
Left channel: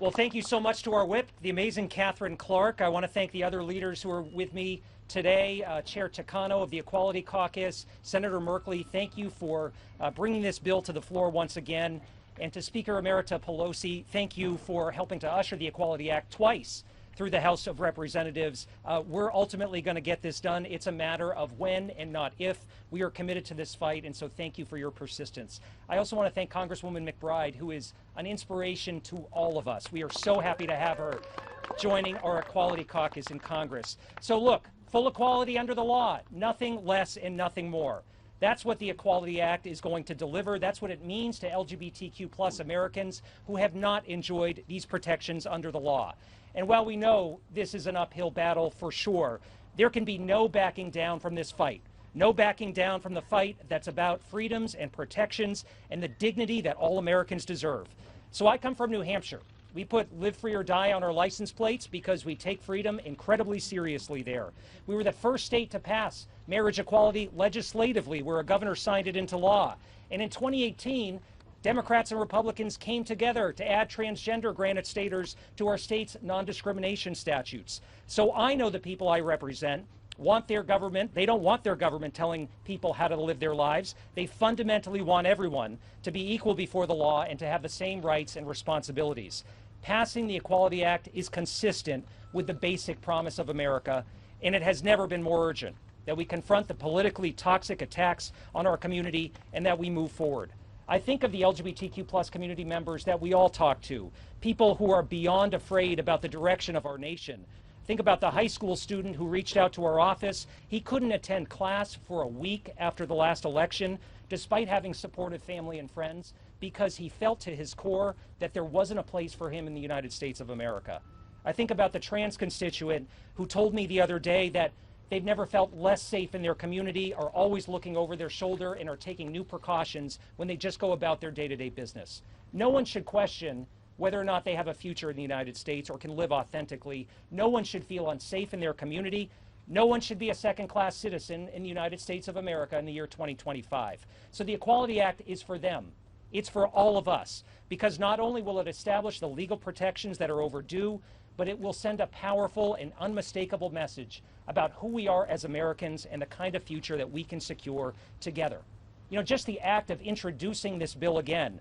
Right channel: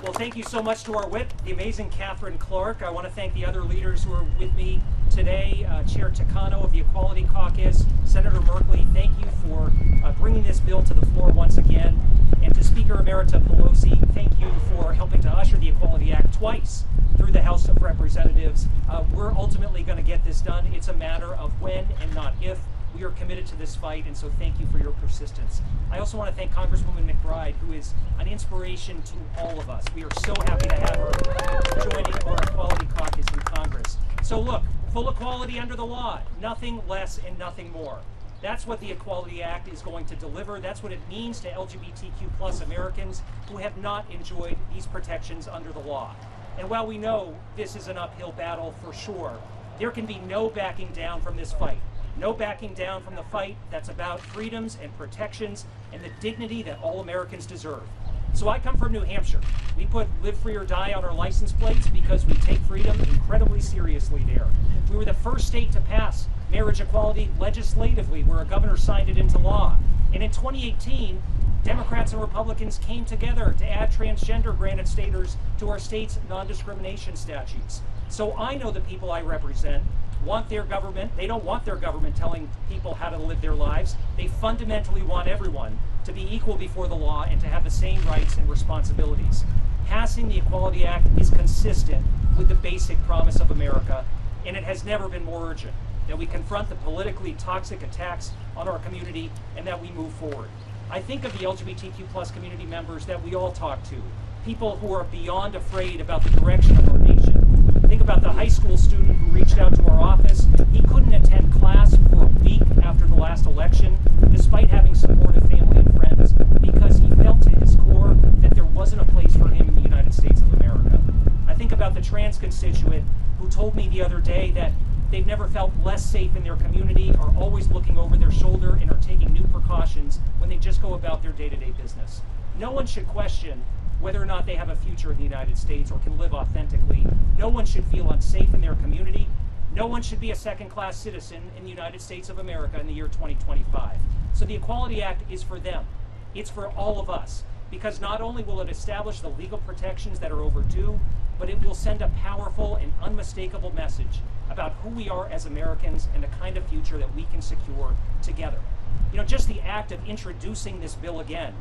Well, thank you so much to our whip, the amazing Catherine Clark. I want to thank the other leaders who are with me today. Chair Takano of the Equality Caucus, Senator Merkley, thank you for bringing this bill to the floor once again. And to Speaker Emerita Pelosi, thank you for helping to usher the Equality Act twice through the House of Representatives. We're ultimately going to get this done. It's a matter of when and not if. We are committed to this fight, and so thank you for your persistence. I also want to thank Congresswoman McBride, who is an inspiration to all of us. We are so happy to have her joining our Equality Caucus in Congress. So look, full equality under the law, nothing less and nothing more. That's what the Equality Act is going to deliver. That's what it means to LGBTQ plus Americans who have not enjoyed these protections under the law. And while we know this is an uphill battle for sure, there can be no backing down from this fight. No backing down from the fight that's about freedoms and protections and the dignity that all Americans deserve. So I come from New Hampshire. We put live free or die on our license plates because we take freedom incredibly seriously there. We were the first state to pass marriage equality legislatively, where a governor signed it into law. And in 2018, Democrats and Republicans came together to add transgender granted status to our state's non-discrimination statutes. So I know the people I represent want their government, they don't want their government telling people how to live their lives. They fundamentally want everyone to be equal before the law and to have the same rights and responsibilities. Passing the Equality Act is consistent with the basic promise of America, and it has never been more urgent that we confront the politically toxic attacks on our community and that we move forward. I think of the LGBTQ plus community members that we all talk to, people who are beyond afraid about the direction of our nation. Think about the high school student who reached out to our office. He couldn't attend class for a week after the last election, despite having supportive family and friends, because he felt to his core that there wasn't a place for him in the United States of America. I think about the trans constituent who told me the other day that they've never felt less safe in their community, are always looking over their shoulder, and are taking new precautions when they just go about their day-to-day business. No one should question whether or not they have a future in the United States or can live authentically. No one should feel unsafe in their community. No one should be a second-class citizen in the United States of America in the year 2025. So the Equality Act is for them. It's for all of us, because not only will it establish the legal protections that are overdue, but it will send a powerful and unmistakable message about who we are as Americans and the kind of future that we can secure together. You know, just the act of introducing this bill again,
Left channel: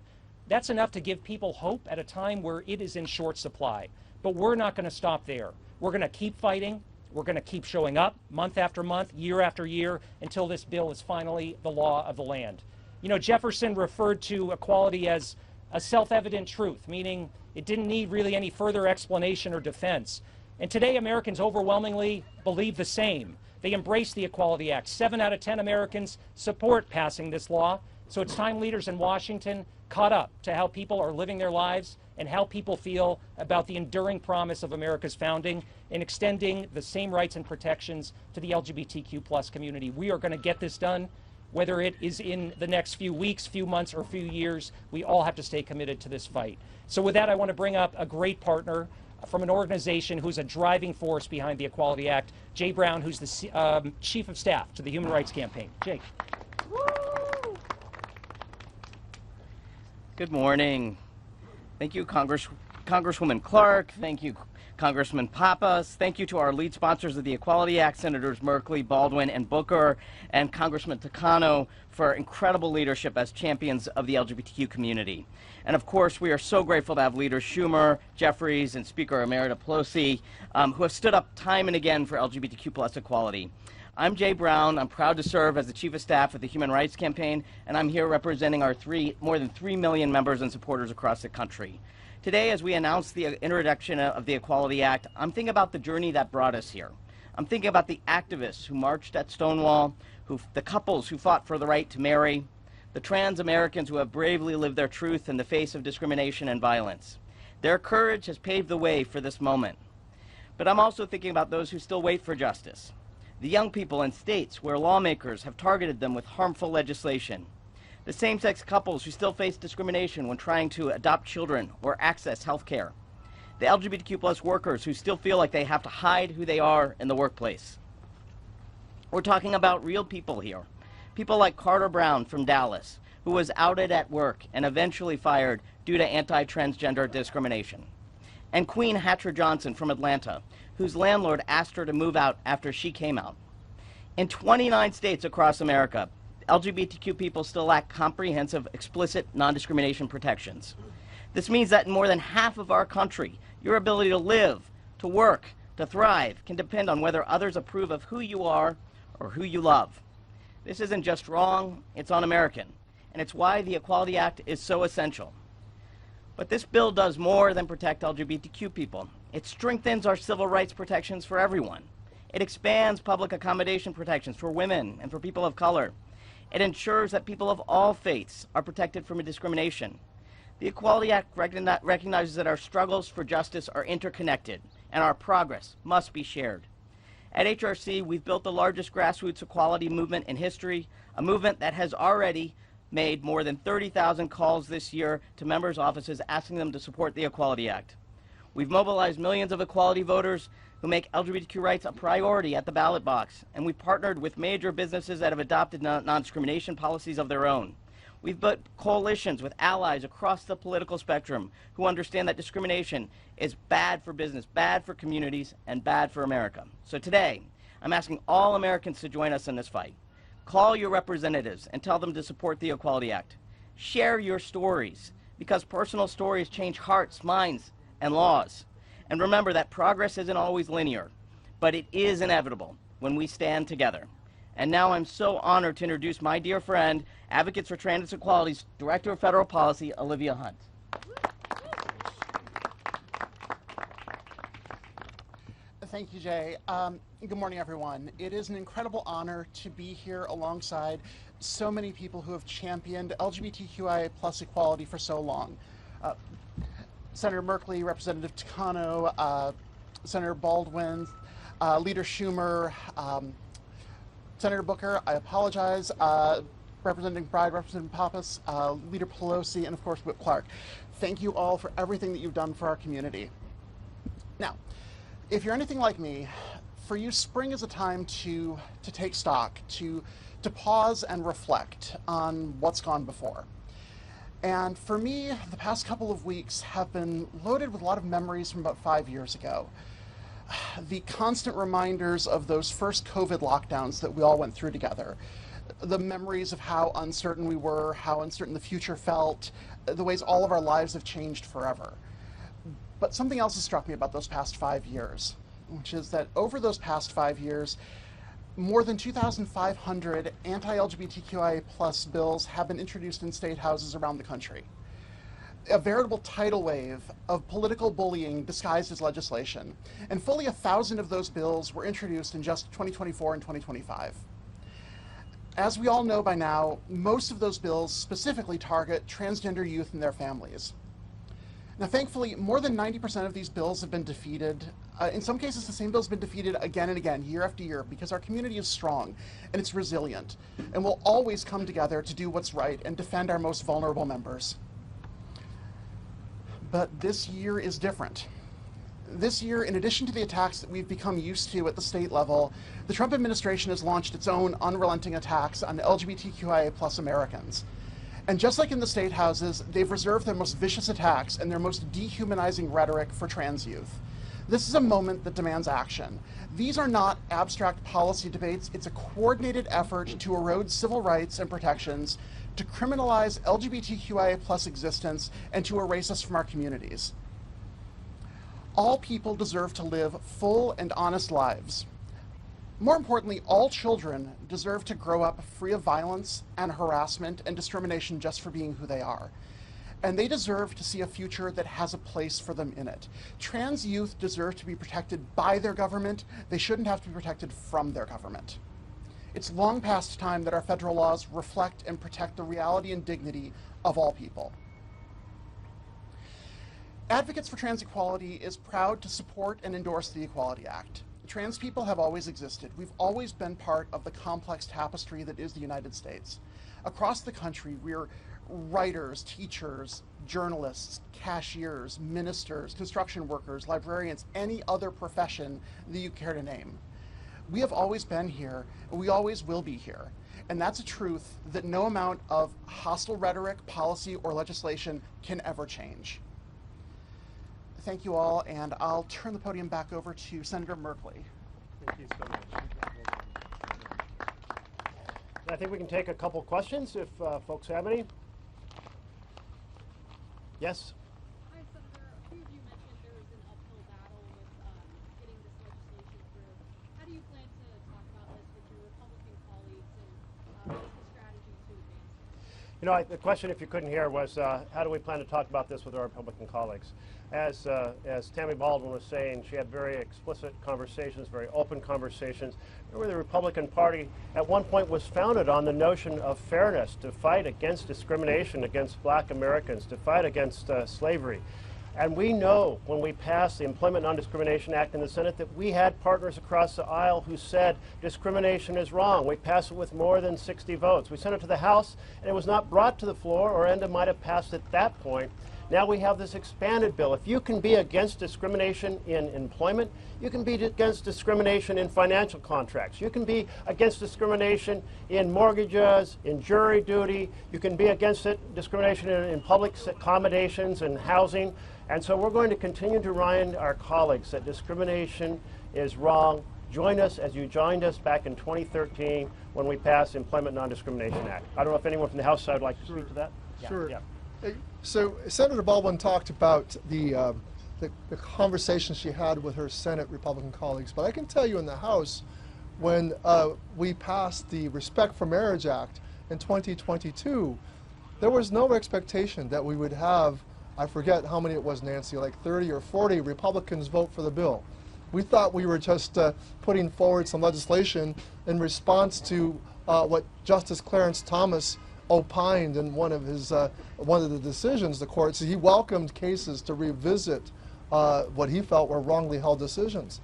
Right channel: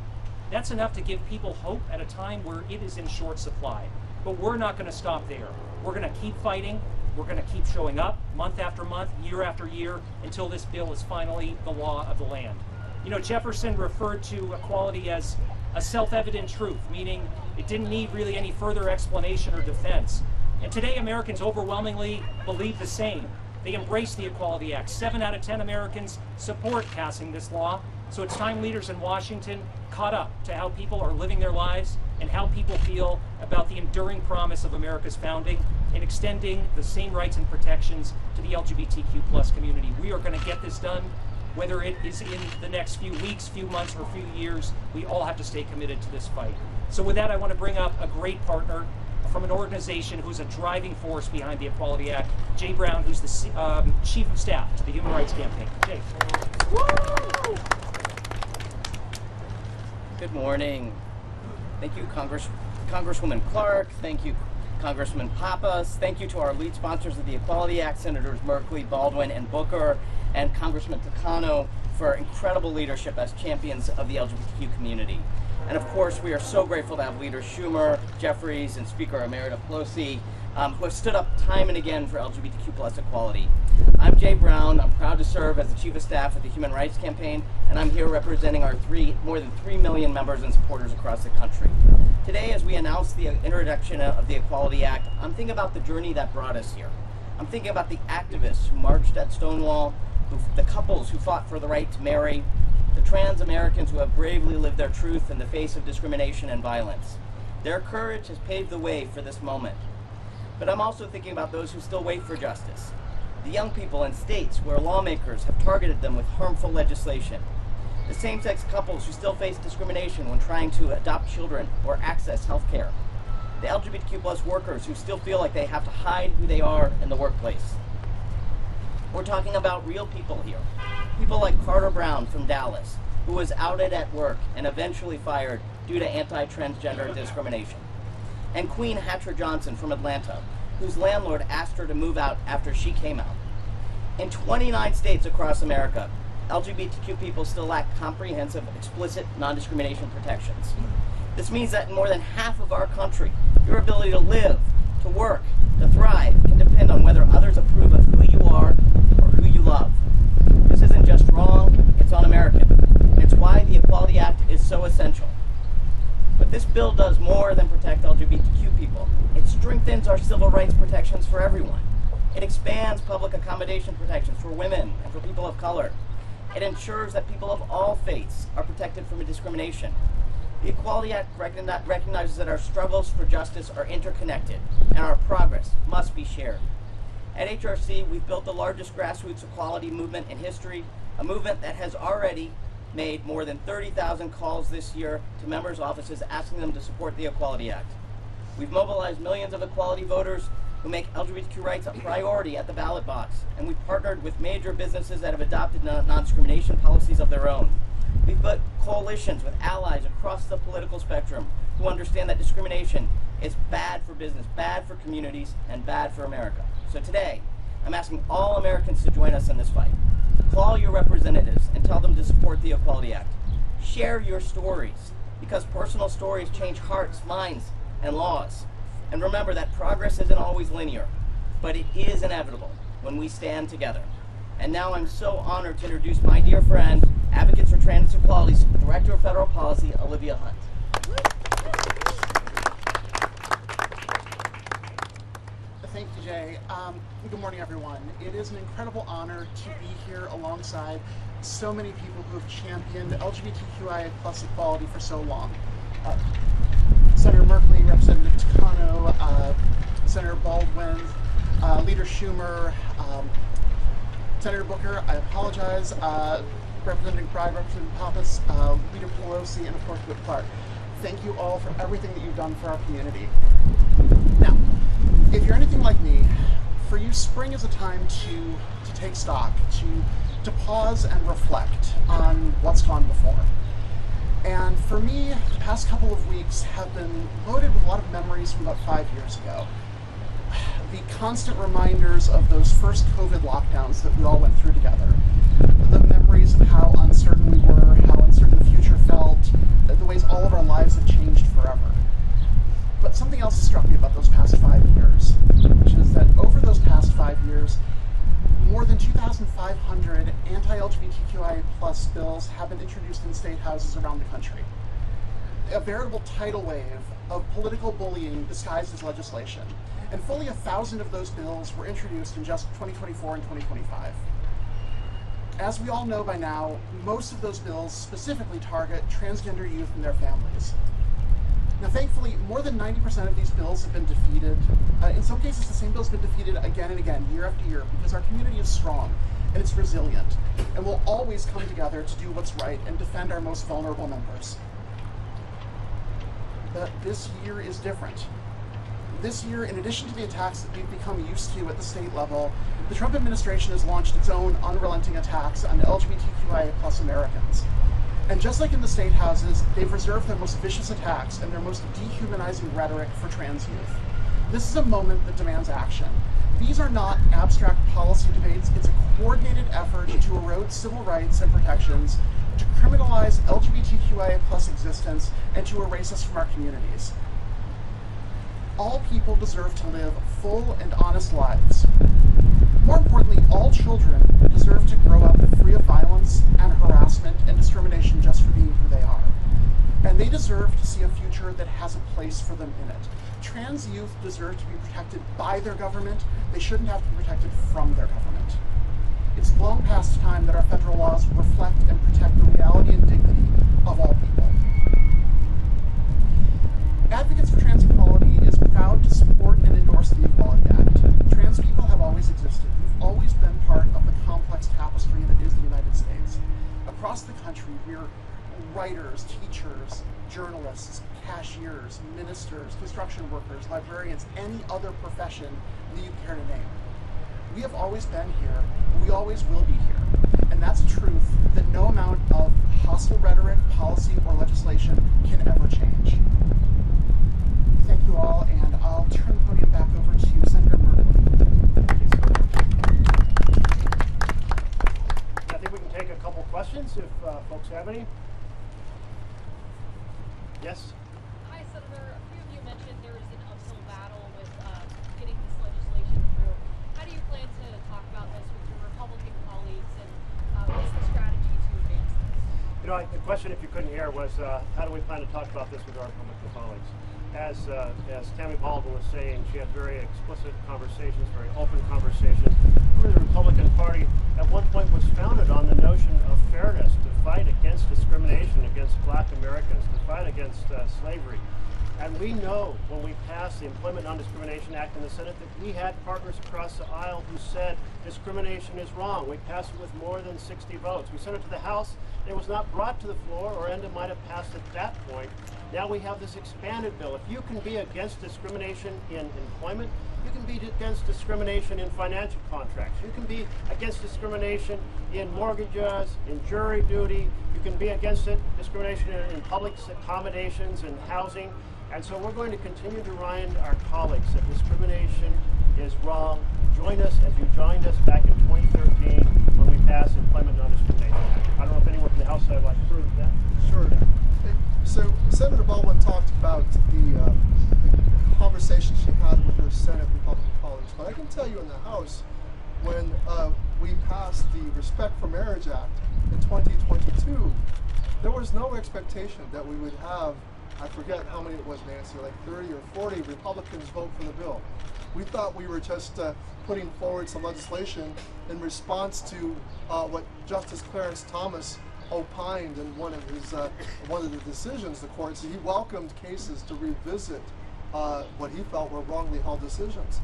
that's enough to give people hope at a time where it is in short supply. But we're not going to stop there. We're going to keep fighting. We're going to keep showing up month after month, year after year, until this bill is finally the law of the land. You know, Jefferson referred to equality as a self-evident truth, meaning it didn't need really any further explanation or defense. And today, Americans overwhelmingly believe the same. They embrace the Equality Act. 7 out of 10 Americans support passing this law. So it's time leaders in Washington caught up to how people are living their lives and how people feel about the enduring promise of America's founding and extending the same rights and protections to the LGBTQ+ community. We are going to get this done. Whether it is in the next few weeks, few months, or few years, we all have to stay committed to this fight. So with that, I want to bring up a great partner from an organization who's a driving force behind the Equality Act, Jay Brown, who's the Chief of Staff to the Human Rights Campaign. Jay. Woo! Good morning. Thank you, Congresswoman Clark. Thank you, Congressman Papus. Thank you to our lead sponsors of the Equality Act, Senators Merkley, Baldwin, and Booker, and Congressman Takano for incredible leadership as champions of the LGBTQ community. And of course, we are so grateful to have leaders Schumer, Jeffries, and Speaker Emerita Pelosi, who have stood up time and again for LGBTQ+ equality. I'm Jay Brown. I'm proud to serve as the Chief of Staff of the Human Rights Campaign, and I'm here representing our more than 3 million members and supporters across the country. Today, as we announce the introduction of the Equality Act, I'm thinking about the journey that brought us here. I'm thinking about the activists who marched at Stonewall, the couples who fought for the right to marry, the trans Americans who have bravely lived their truth in the face of discrimination and violence. Their courage has paved the way for this moment. But I'm also thinking about those who still wait for justice. The young people in states where lawmakers have targeted them with harmful legislation. The same-sex couples who still face discrimination when trying to adopt children or access health care. The LGBTQ+ workers who still feel like they have to hide who they are in the workplace. We're talking about real people here. People like Carter Brown from Dallas, who was outed at work and eventually fired due to anti-transgender discrimination. And Queen Hatcher Johnson from Atlanta, whose landlord asked her to move out after she came out. In 29 states across America, LGBTQ people still lack comprehensive, explicit non-discrimination protections. This means that in more than half of our country, your ability to live, to work, to thrive can depend on whether others approve of who you are or who you love. This isn't just wrong, it's un-American. And it's why the Equality Act is so essential. But this bill does more than protect LGBTQ people. It strengthens our civil rights protections for everyone. It expands public accommodation protections for women and for people of color. It ensures that people of all faiths are protected from discrimination. The Equality Act recognizes that our struggles for justice are interconnected and our progress must be shared. At HRC, we've built the largest grassroots equality movement in history, a movement that has already made more than 30,000 calls this year to members' offices asking them to support the Equality Act. We've mobilized millions of equality voters who make LGBTQ rights a priority at the ballot box, and we've partnered with major businesses that have adopted non-discrimination policies of their own. We've built coalitions with allies across the political spectrum who understand that discrimination is bad for business, bad for communities, and bad for America. So today, I'm asking all Americans to join us in this fight. Call your representatives and tell them to support the Equality Act. Share your stories, because personal stories change hearts, minds, and laws. And remember that progress isn't always linear, but it is inevitable when we stand together. And now I'm so honored to introduce my dear friend, Advocates for Trans Equality's Director of Federal Policy, Olivia Hunt. Thank you, Jay. Good morning, everyone. It is an incredible honor to be here alongside so many people who have championed LGBTQIA+ equality for so long. Senator Merkley, Representative Takano, Senator Baldwin, Leader Schumer, Senator Booker, I apologize, Representative Bride, Representative Papus, Leader Pelosi, and of course Whip Clark. Thank you all for everything that you've done for our community. Now, if you're anything like me, for you, spring is a time to take stock, to pause and reflect on what's gone before. And for me, the past couple of weeks have been loaded with a lot of memories from about 5 years ago. The constant reminders of those first COVID lockdowns that we all went through together. The memories of how uncertain we were, how uncertain the future felt, the ways all of our lives have changed forever. But something else struck me about those past 5 years, which is that over those past 5 years, more than 2,500 anti-LGBTQIA+ bills have been introduced in state houses around the country. A veritable tidal wave of political bullying disguised as legislation, and fully 1,000 of those bills were introduced in just 2024 and 2025. As we all know by now, most of those bills specifically target transgender youth and their families. Now, thankfully, more than 90% of these bills have been defeated. In some cases, the same bill's been defeated again and again, year after year, because our community is strong and it's resilient, and we'll always come together to do what's right and defend our most vulnerable members. But this year is different. This year, in addition to the attacks that we've become used to at the state level, the Trump administration has launched its own unrelenting attacks on LGBTQIA+ Americans. And just like in the state houses, they've reserved their most vicious attacks and their most dehumanizing rhetoric for trans youth. This is a moment that demands action. These are not abstract policy debates, it's a coordinated effort to erode civil rights and protections, to criminalize LGBTQIA+ existence, and to erase us from our communities. All people deserve to live full and honest lives. More importantly, all children deserve to grow up free of violence and harassment and discrimination just for being who they are. And they deserve to see a future that has a place for them in it. Trans youth deserve to be protected by their government. They shouldn't have to be protected from their government. It's long past time that our federal laws reflect and protect the reality and dignity of all people. Advocates for Trans Equality is proud to support and endorse the Equality Act. Trans people have always existed. We've always been part of the complex tapestry that is the United States. Across the country, we're writers, teachers, journalists, cashiers, ministers, construction workers, librarians, any other profession that you care to name. We have always been here, and we always will be here. And that's a truth that no amount of hostile rhetoric, policy, or legislation can ever change. Thank you all, and I'll turn the podium back over to Senator Merkley. I think we can take a couple questions if folks have any. Yes? Hi, Senator. A few of you mentioned there is an uphill battle with getting this legislation through. How do you plan to talk about this with your Republican colleagues, and what's the strategy to advance this? You know, the question, if you couldn't hear, was how do we plan to talk about this with our Republican colleagues? As Tammy Baldwin was saying, she had very explicit conversations, very open conversations. Remember, the Republican Party at one point was founded on the notion of fairness, to fight against discrimination against black Americans, to fight against slavery. And we know when we passed the Employment Non-Discrimination Act in the Senate that we had partners across the aisle who said discrimination is wrong. We passed it with more than 60 votes. We sent it to the House, and it was not brought to the floor, or ENDA might have passed at that point. Now we have this expanded bill. If you can be against discrimination in employment, you can be against discrimination in financial contracts. You can be against discrimination in mortgages, in jury duty. You can be against discrimination in public accommodations and housing. And so we're going to continue to remind our colleagues that discrimination is wrong. Join us as you joined us back in 2013 when we passed the Employment Non-Discrimination Act. I don't know if anyone from the House side would like to speak to that. Sure. Yeah. So Senator Baldwin talked about the conversation she had with her Senate Republican colleagues, but I can tell you in the House, when we passed the Respect for Marriage Act in 2022, there was no expectation that we would have, I forget how many it was, Nancy, like 30 or 40 Republicans vote for the bill. We thought we were just putting forward some legislation in response to what Justice Clarence Thomas opined in one of the decisions. The court said he welcomed cases to revisit what he felt were wrongly held decisions.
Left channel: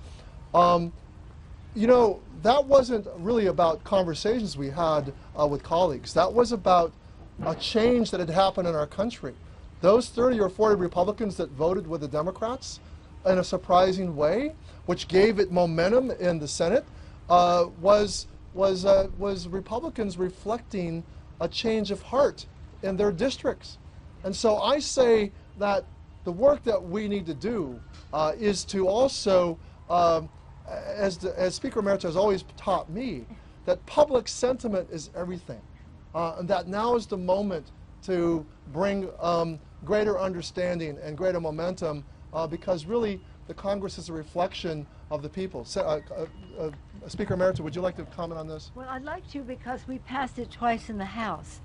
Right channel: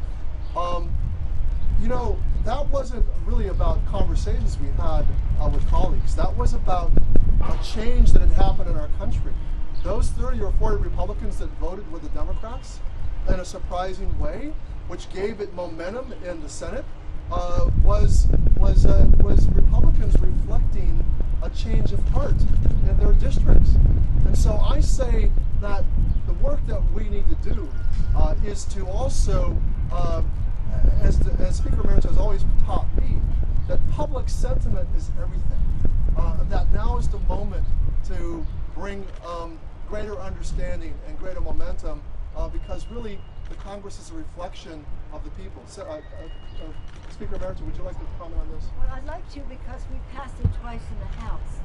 You know, that wasn't really about conversations we had with colleagues. That was about a change that had happened in our country. Those 30 or 40 Republicans that voted with the Democrats in a surprising way, which gave it momentum in the Senate, was Republicans reflecting a change of heart in their districts. And so I say that the work that we need to do is to also, as Speaker Emeritus has always taught me, that public sentiment is everything. That now is the moment to bring greater understanding and greater momentum, because really the Congress is a reflection of the people. Speaker Emeritus, would you like to comment on this? Well, I'd like to, because we passed it twice in the House,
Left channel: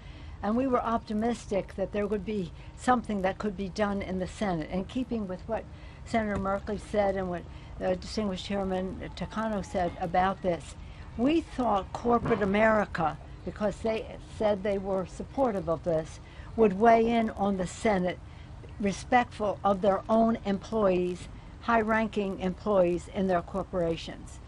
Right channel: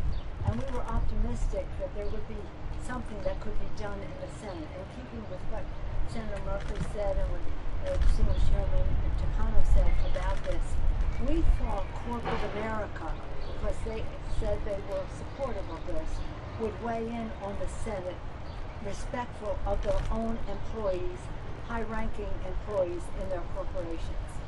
and we were optimistic that there would be something that could be done in the Senate. In keeping with what Senator Merkley said and what distinguished Chairman Takano said about this, we thought corporate America, because they said they were supportive of this, would weigh in on the Senate, respectful of their own employees, high-ranking employees in their corporations.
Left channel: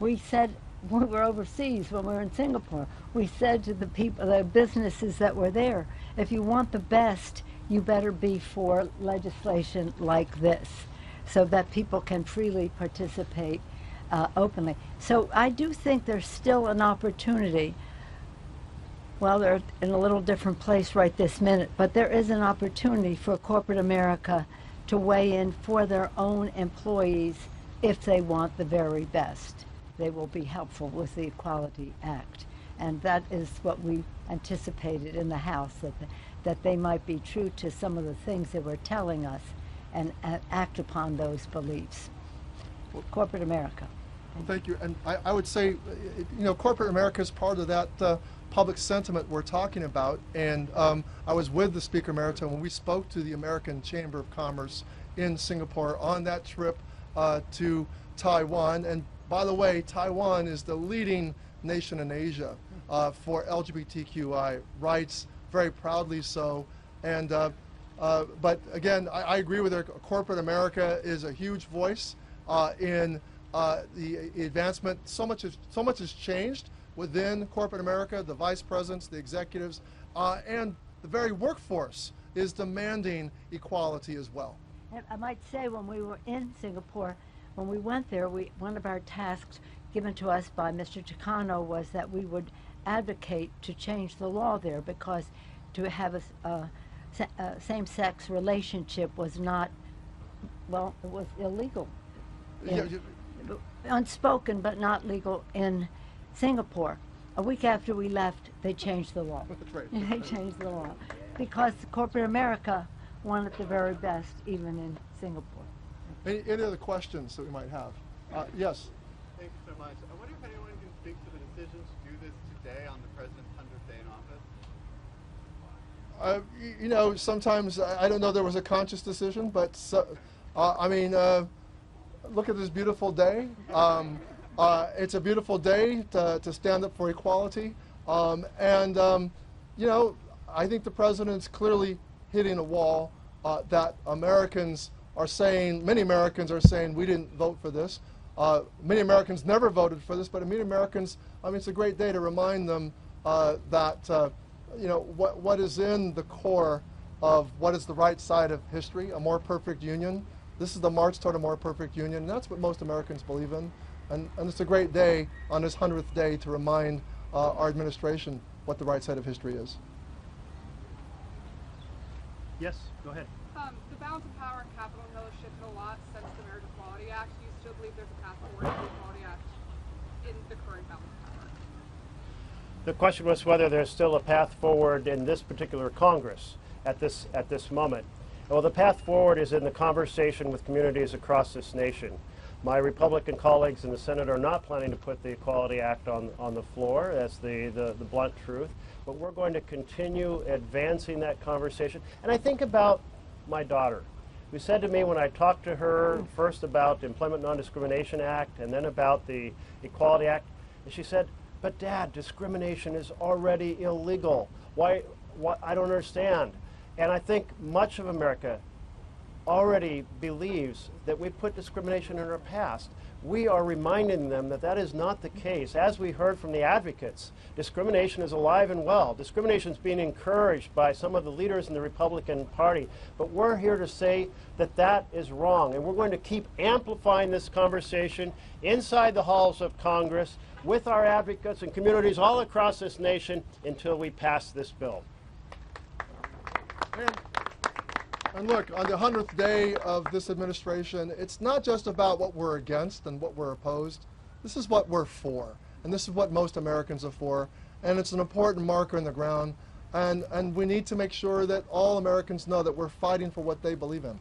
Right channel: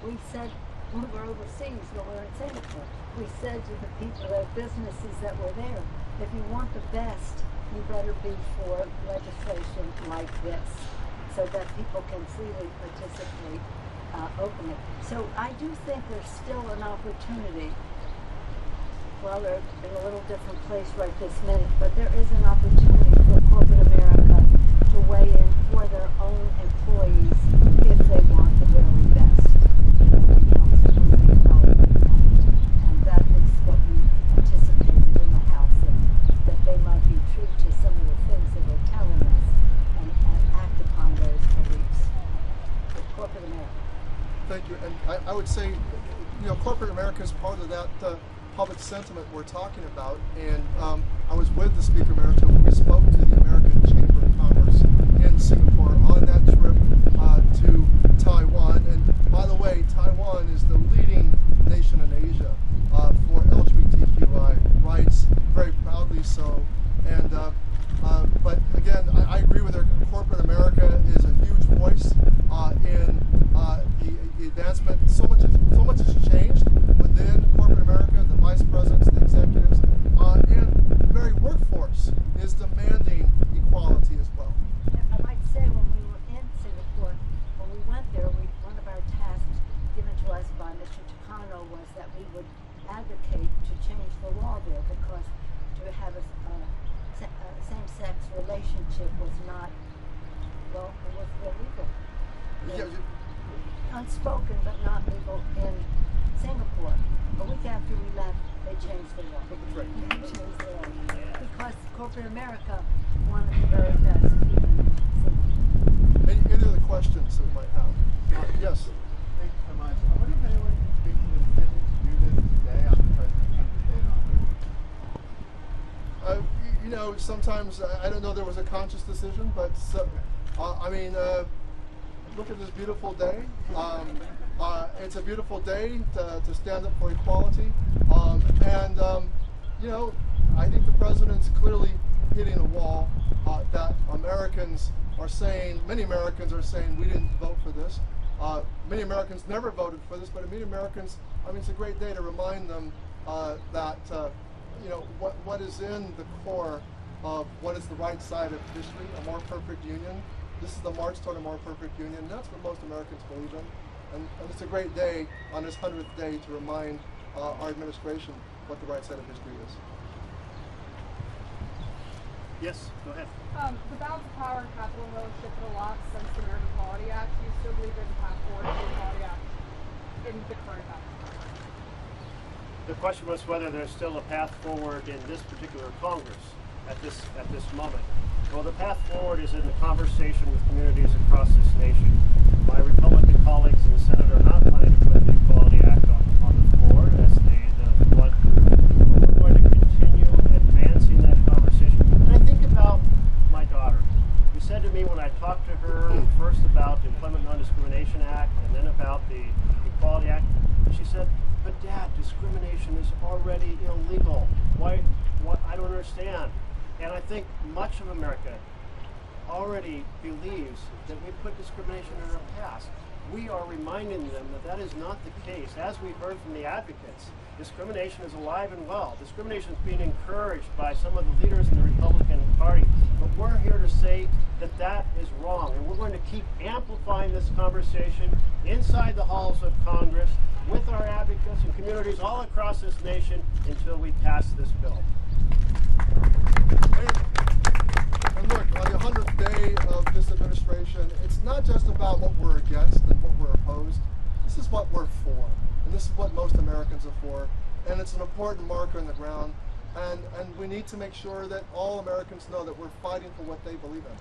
We said, when we were overseas, when we were in Singapore, we said to the people, the businesses that were there, if you want the best, you better be for legislation like this, so that people can freely participate openly. So I do think there's still an opportunity. Well, they're in a little different place right this minute, but there is an opportunity for corporate America to weigh in for their own employees if they want the very best. They will be helpful with the Equality Act. And that is what we anticipated in the House, that they might be true to some of the things they were telling us and act upon those beliefs. Corporate America. Thank you. And I would say, corporate America is part of that public sentiment we're talking about. And I was with the Speaker Emeritus when we spoke to the American Chamber of Commerce in Singapore on that trip to Taiwan. And by the way, Taiwan is the leading nation in Asia for LGBTQI rights, very proudly so. And but again, I agree with her. Corporate America is a huge voice in the advancement. So much has changed within corporate America. The vice presidents, the executives, and the very workforce is demanding equality as well. And I'd like to say, when we were in Singapore, when we went there, one of our tasks given to us by Mr. Takano was that we would advocate to change the law there, because to have a same-sex relationship was not, well, it was illegal. Unspoken but not legal in Singapore. A week after we left, they changed the law. They changed the law because corporate America wanted the very best, even in Singapore. Any other questions that we might have? Yes. Thank you so much. I wonder if anyone can speak to the decision to do this today on the President's 100th day in office? Sometimes I don't know there was a conscious decision, but look at this beautiful day. It's a beautiful day to stand up for equality, I think the president's clearly hitting a wall that Americans are saying. Many Americans are saying we didn't vote for this. Many Americans never voted for this, but many Americans, it's a great day to remind them that what is in the core of what is the right side of history, a more perfect union. This is the march toward a more perfect union. That's what most Americans believe in. And it's a great day on this 100th day to remind our administration what the right side of history is. Yes, go ahead. The balance of power in Capitol Hill has shifted a lot since the Marriage Equality Act. Do you still believe there's a path forward to the Equality Act in the current balance of power? The question was whether there's still a path forward in this particular Congress at this moment. Well, the path forward is in the conversation with communities across this nation. My Republican colleagues in the Senate are not planning to put the Equality Act on the floor as the blunt truth, but we're going to continue advancing that conversation. And I think about my daughter, who said to me when I talked to her first about the Employment Non-Discrimination Act and then about the Equality Act, and she said, "But Dad, discrimination is already illegal. Why I don't understand." And I think much of America already believes that we put discrimination in our past. We are reminding them that that is not the case. As we heard from the advocates, discrimination is alive and well. Discrimination is being encouraged by some of the leaders in the Republican Party. But we're here to say that that is wrong. And we're going to keep amplifying this conversation inside the halls of Congress with our advocates and communities all across this nation until we pass this bill. And look, on the 100th day of this administration, it's not just about what we're against and what we're opposed. This is what we're for, and this is what most Americans are for, and it's an important marker in the ground, and we need to make sure that all Americans know that we're fighting for what they believe in.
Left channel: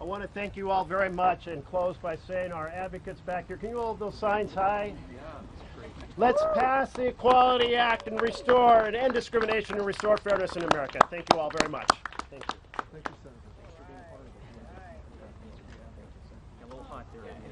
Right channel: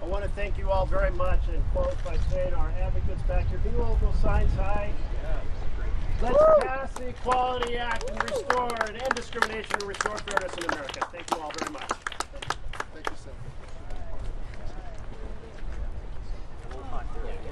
I want to thank you all very much and close by saying our advocates back here, can you hold those signs high? Let's pass the Equality Act and restore and end discrimination and restore fairness in America. Thank you all very much.